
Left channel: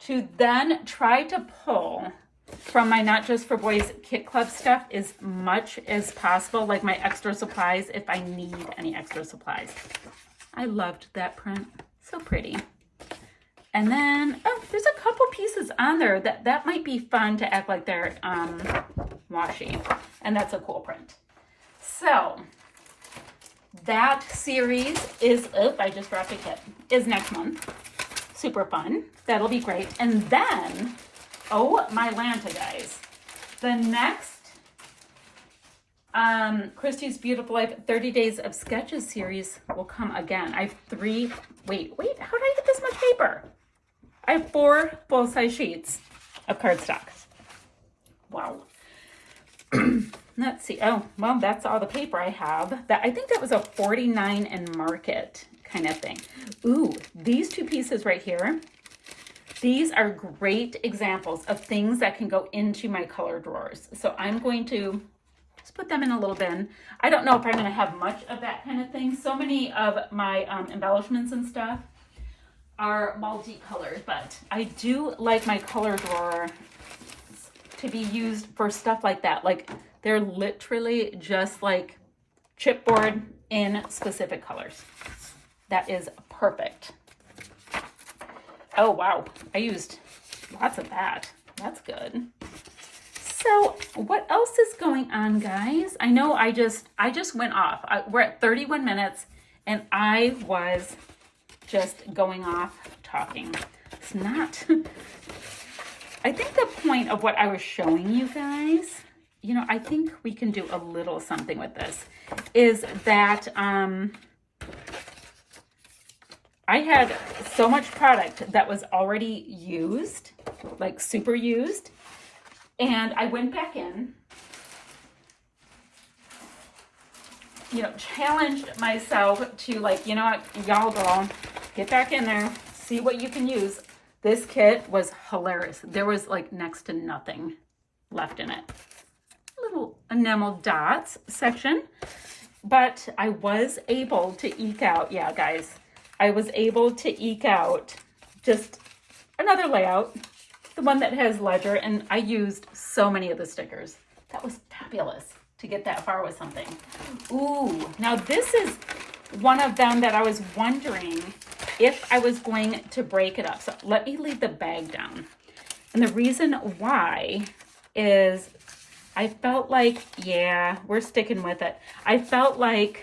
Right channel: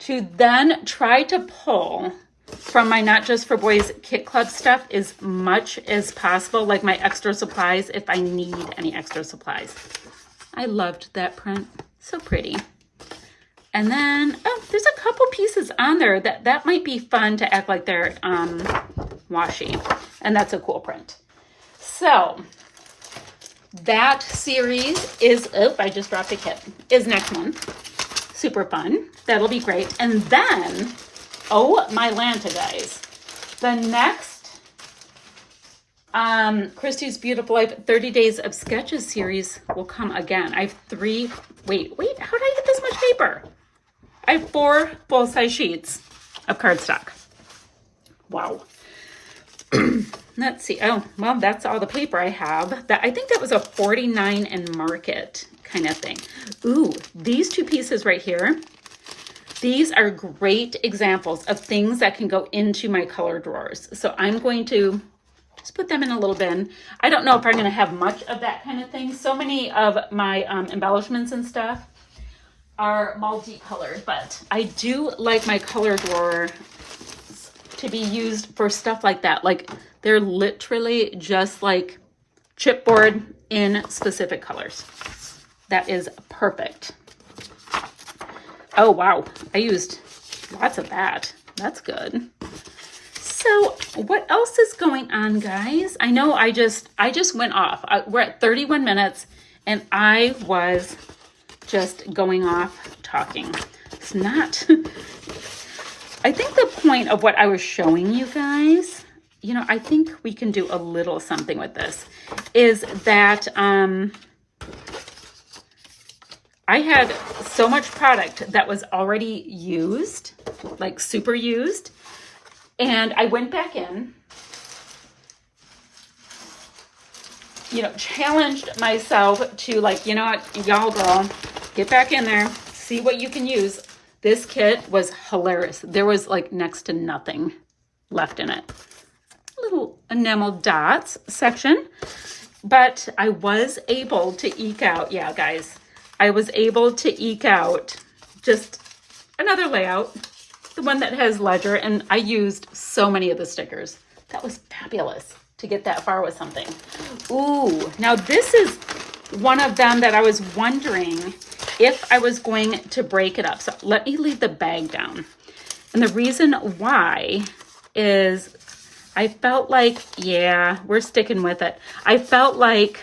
to then try to pull from my Not Just for Boys Kit Club stuff as much as possible, like my extra supplies if I need any extra supplies. I loved that print. So pretty. And then, oh, there's a couple pieces on there that might be fun to act like they're washi. And that's a cool print. So that series is, oh, I just dropped a kit, is next month. Super fun. That'll be great. And then, oh my Lanta, guys. The next Christy's Beautiful Life 30 Days of Sketches series will come again. I have 3, wait, how did I get this much paper? I have 4 full-size sheets of cardstock. Wow. Let's see. Oh, well, that's all the paper I have. I think that was a 49 and Market kind of thing. Ooh, these 2 pieces right here. These are great examples of things that can go into my color drawers. So I'm going to just put them in a little bin. I don't know if I'm going to have much of that kind of thing. So many of my embellishments and stuff are multicolored, but I do like my color drawer to be used for stuff like that. Like they're literally just like chipboard in specific colors. That is perfect. Oh, wow. I used lots of that. That's good. So what else is going on, guys? I know I just went off. We're at 31 minutes and I was just going off talking. It's not, I think the point of what I was showing you guys, you know, I think we can do a little something with this, is that I had so much product that was already used, like super used, and I went back in, you know, challenged myself to like, you know what, y'all girl, get back in there, see what you can use. This kit was hilarious. There was like next to nothing left in it. Little enamel dots section, but I was able to eke out, yeah, guys, I was able to eke out just another layout, the one that has ledger, and I used so many of the stickers. That was fabulous to get that far with something. Ooh, now this is one of them that I was wondering if I was going to break it up. So let me leave the bag down. And the reason why is I felt like, yeah, we're sticking with it. I felt like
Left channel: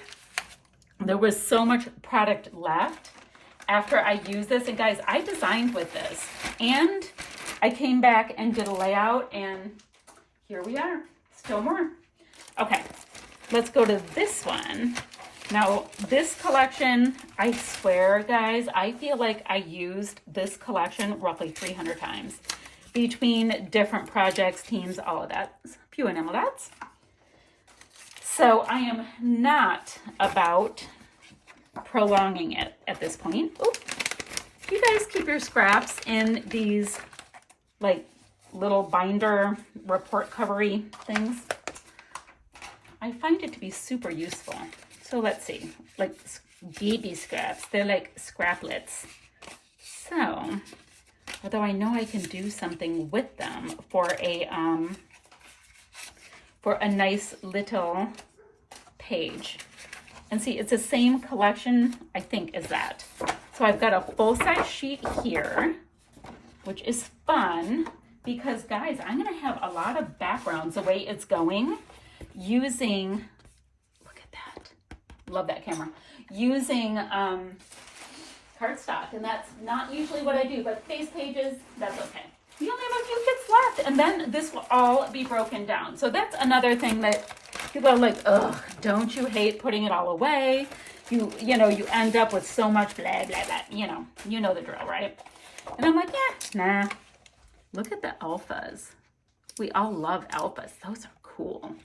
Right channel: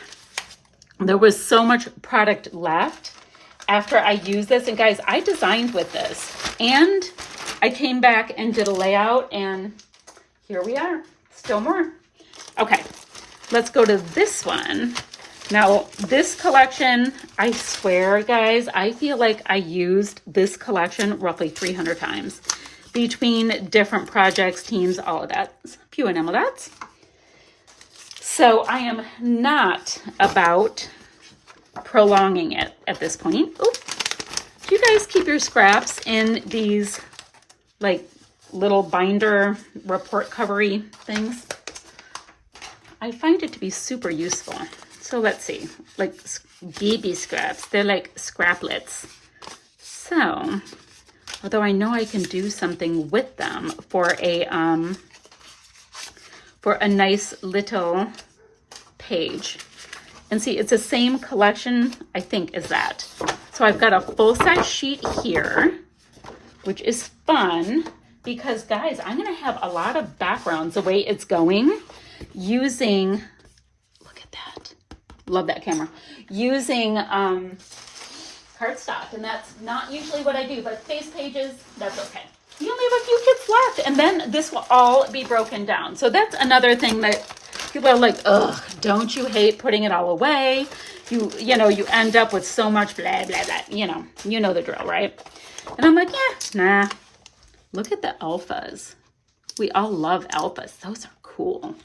there was so much product left after I used this. And guys, I designed with this. And I came back and did a layout. And here we are. Still more. Okay, let's go to this one. Now, this collection, I swear, guys, I feel like I used this collection roughly 300 times between different projects, teams, all of that. A few enamel dots. So I am not about prolonging it at this point. Oh, do you guys keep your scraps in these like little binder report covery things? I find it to be super useful. So let's see, like BB scraps, they're like scraplets. So, although I know I can do something with them for a nice little page. And see, it's the same collection, I think, as that. So I've got a full-size sheet here, which is fun because, guys, I'm going to have a lot of backgrounds the way it's going using, look at that. Love that camera. Using cardstock, and that's not usually what I do, but face pages, that's okay. You only have a few kits left, and then this will all be broken down. So that's another thing that people are like, ugh, don't you hate putting it all away? You know, you end up with so much blah, blah, blah. You know the drill, right? And I'm like, yeah, nah. Look at the alphas. We all love alphas. Those are cool.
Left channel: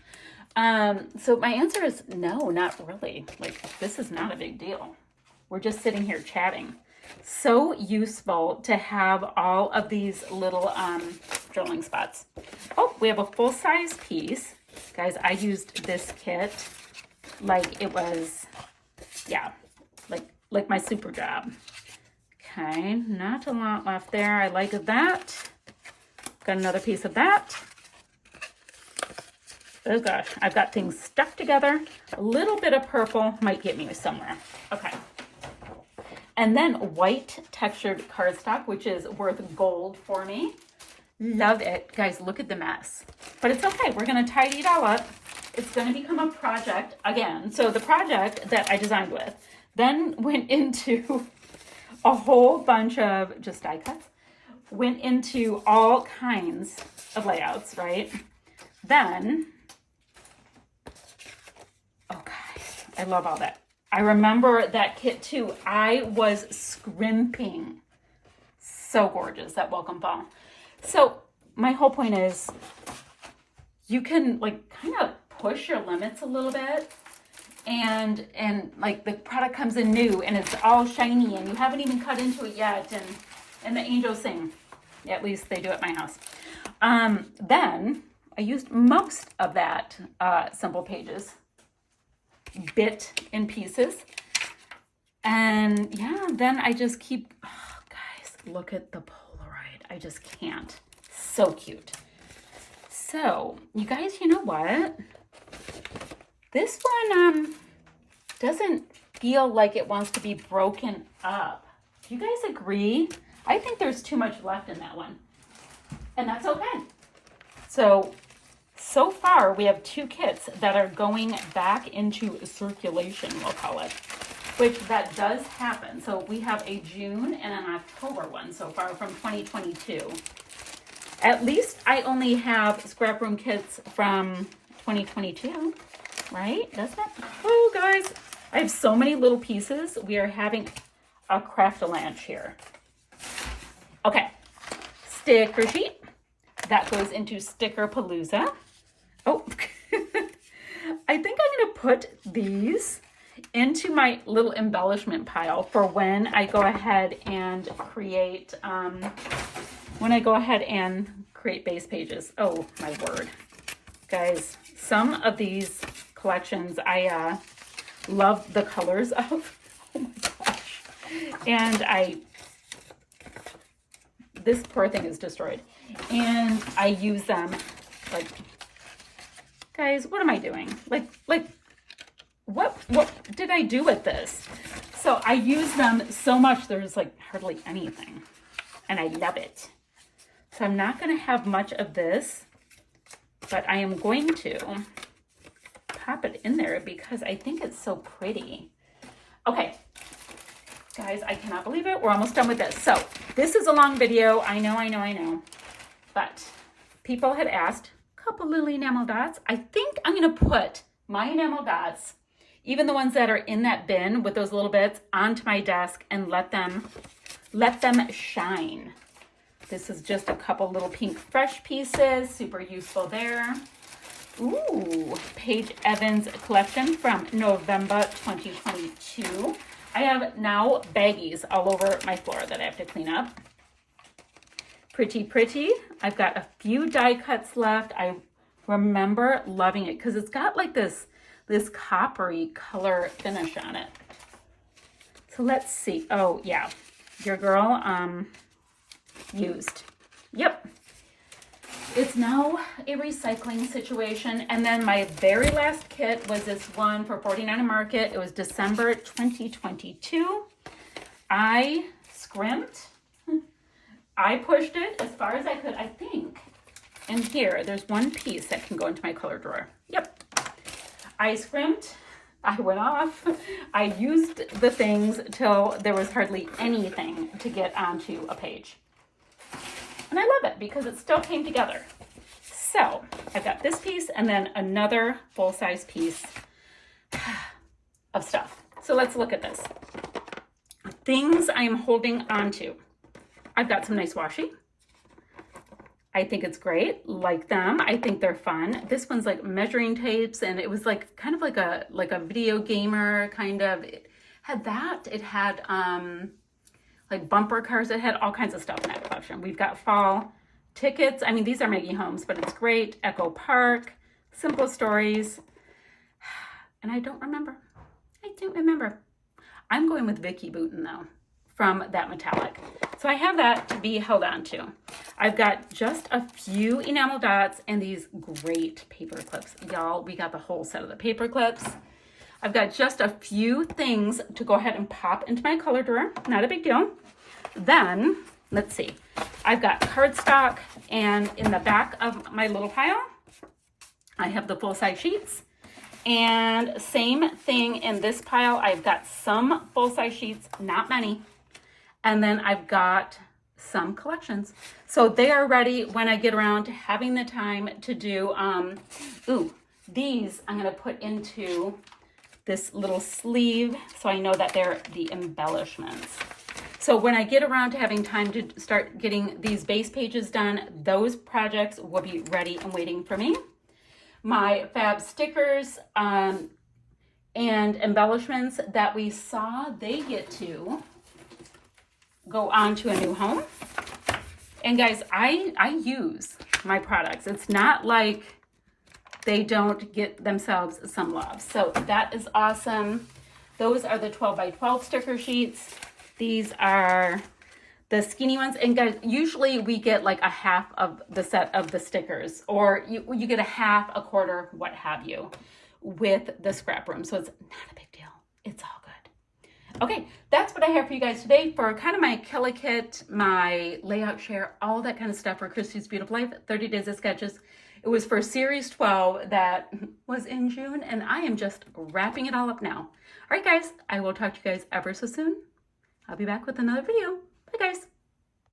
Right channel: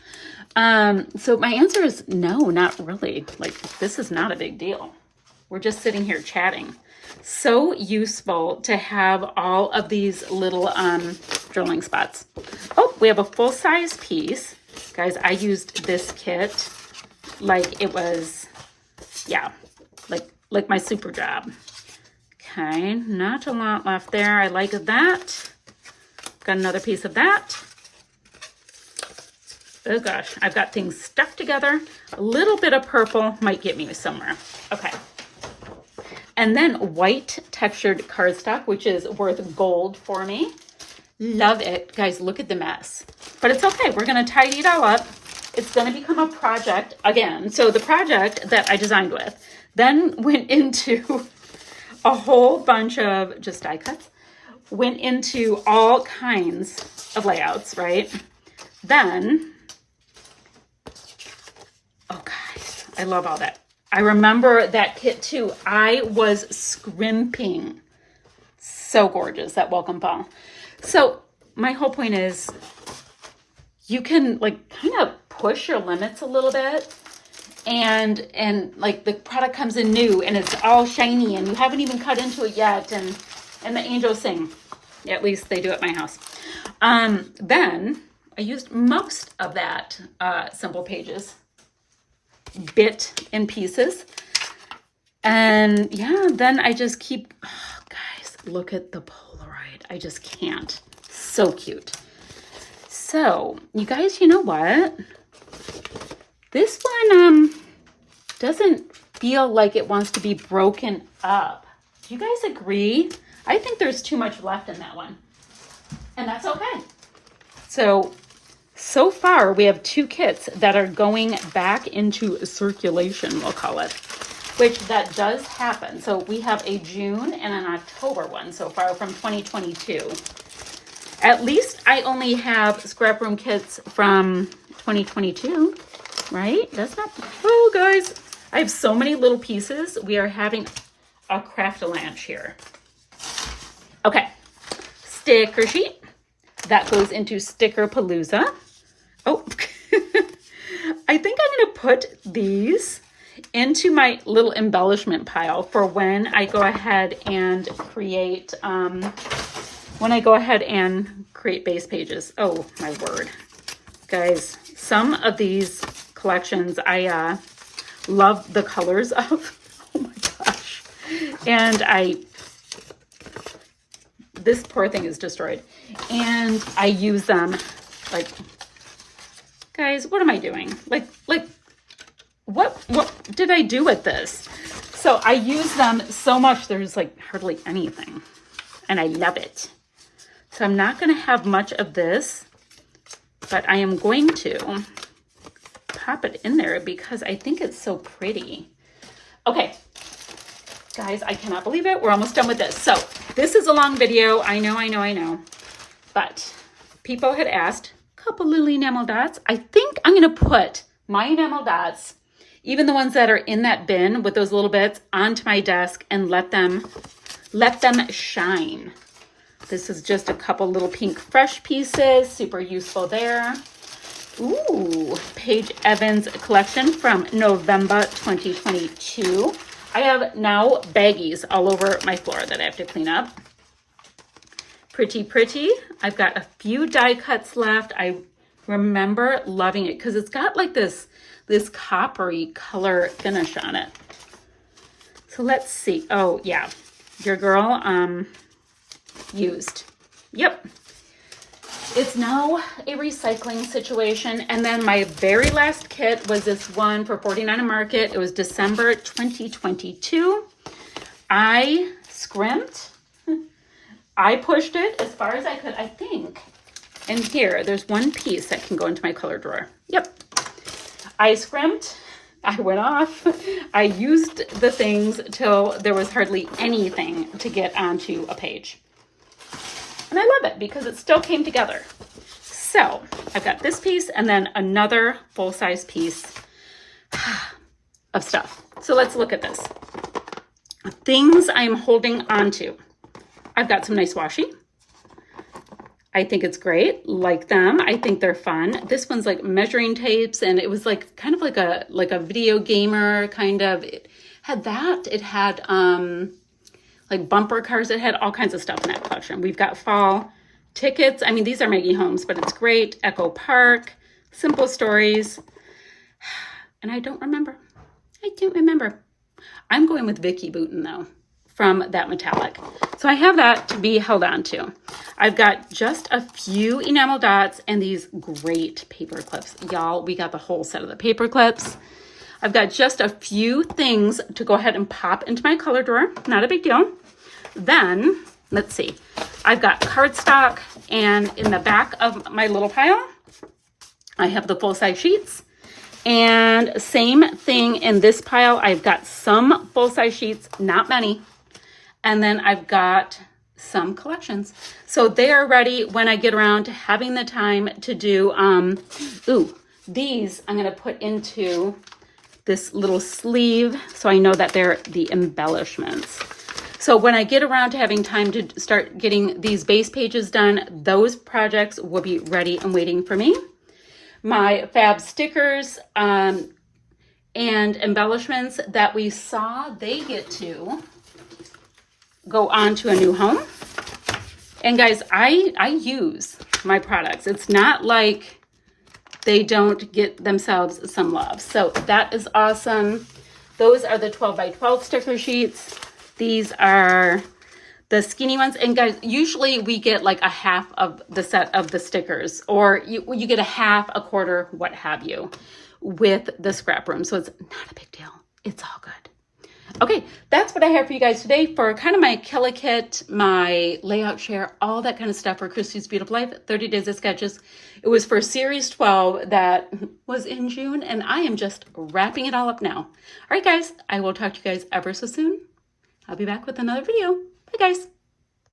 So my answer is no, not really. Like, this is not a big deal. We're just sitting here chatting. So useful to have all of these little drilling spots. Oh, we have a full-size piece. Guys, I used this kit like it was, yeah, like my super job. Okay, not a lot left there. I like that. Got another piece of that. Oh gosh, I've got things stuck together. A little bit of purple might get me somewhere. Okay. And then white textured cardstock, which is worth gold for me. Love it. Guys, look at the mess. But it's okay. We're going to tidy it all up. It's going to become a project again. So the project that I designed with then went into a whole bunch of just die cuts. Went into all kinds of layouts, right? Then, oh guys, I love all that. I remember that kit too. I was scrimping. So gorgeous, that welcome fall. So my whole point is you can like kind of push your limits a little bit, and like the product comes in new and it's all shiny and you haven't even cut into it yet, and the angels sing. At least they do at my house. Then I used most of that Simple Pages bit in pieces. And yeah, then I just keep, oh, guys, look at the Polaroid. I just can't. So cute. So you guys, you know what? This one doesn't feel like it wants to be broken up. Do you guys agree? I think there's too much left in that one. And that's okay. So far, we have 2 kits that are going back into circulation, we'll call it, which that does happen. So we have a June and an October one so far from 2022. At least I only have scrap room kits from 2022, right? That's not, oh guys, I have so many little pieces. We are having a craft-a-lanche here. Okay, sticker sheet. That goes into Sticker Palooza. Oh, I think I'm going to put these into my little embellishment pile for when I go ahead and create, base pages. Oh, my word. Guys, some of these collections I love the colors of. Oh my gosh. And this poor thing is destroyed. And I use them like, guys, what am I doing? Like, what did I do with this? So I use them so much, there's like hardly anything. And I love it. So I'm not going to have much of this, but I am going to pop it in there because I think it's so pretty. Okay. Guys, I cannot believe it. We're almost done with this. So this is a long video. I know. But people had asked a couple little enamel dots. I think I'm going to put my enamel dots, even the ones that are in that bin with those little bits, onto my desk and let them shine. This is just a couple little pink fresh pieces. Super useful there. Ooh, Paige Evans collection from November 2022. I have now baggies all over my floor that I have to clean up. Pretty. I've got a few die cuts left. I remember loving it because it's got like this coppery color finish on it. So let's see. Oh yeah, your girl used. Yep. It's now a recycling situation. And then my very last kit was this one for $49 a Market. It was December 2022. I scrimped. I pushed it as far as I could, I think. And here, there's one piece that can go into my color drawer. Yep. I scrimped. I went off. I used the things till there was hardly anything to get onto a page. And I love it because it still came together. So I've got this piece and then another full-size piece of stuff. So let's look at this. Things I'm holding on to. I've got some nice washi. I think it's great. Like them. I think they're fun. This one's like measuring tapes, and it was like kind of like a video gamer kind of. It had that. It had like bumper cars. It had all kinds of stuff in that collection. We've got fall tickets. I mean, these are Maggie Holmes, but it's great. Echo Park, Simple Stories. And I don't remember. I'm going with Vicki Boutin though. from that metallic. So I have that to be held on to. I've got just a few enamel dots and these great paper clips. Y'all, we got the whole set of the paper clips. I've got just a few things to go ahead and pop into my color drawer. Not a big deal. Then, let's see. I've got cardstock, and in the back of my little pile, I have the full-size sheets. And same thing in this pile. I've got some full-size sheets, not many. And then I've got some collections. So they are ready when I get around to having the time to do, these I'm gonna put into this little sleeve so I know that they're the embellishments. So when I get around to having time to start getting these base pages done, those projects will be ready and waiting for me. My fab stickers and embellishments that we saw, they get to go on to a new home. And guys, I use my products. It's not like they don't get themselves some love. So that is awesome. Those are the 12 by 12 sticker sheets. These are the skinny ones. And guys, usually we get like a half of the set of the stickers, or you get a half, a quarter, what have you, with the scrap room. So it's not a big deal. It's all good. Okay, that's what I have for you guys today for kind of my Kill a Kit, my layout share, all that kind of stuff for Christy's Beautiful Life, 30 Days of Sketches. It was for Series 12 that was in June, and I am just wrapping it all up now. All right, guys, I will talk to you guys ever so soon. I'll be back with another video. Bye, guys.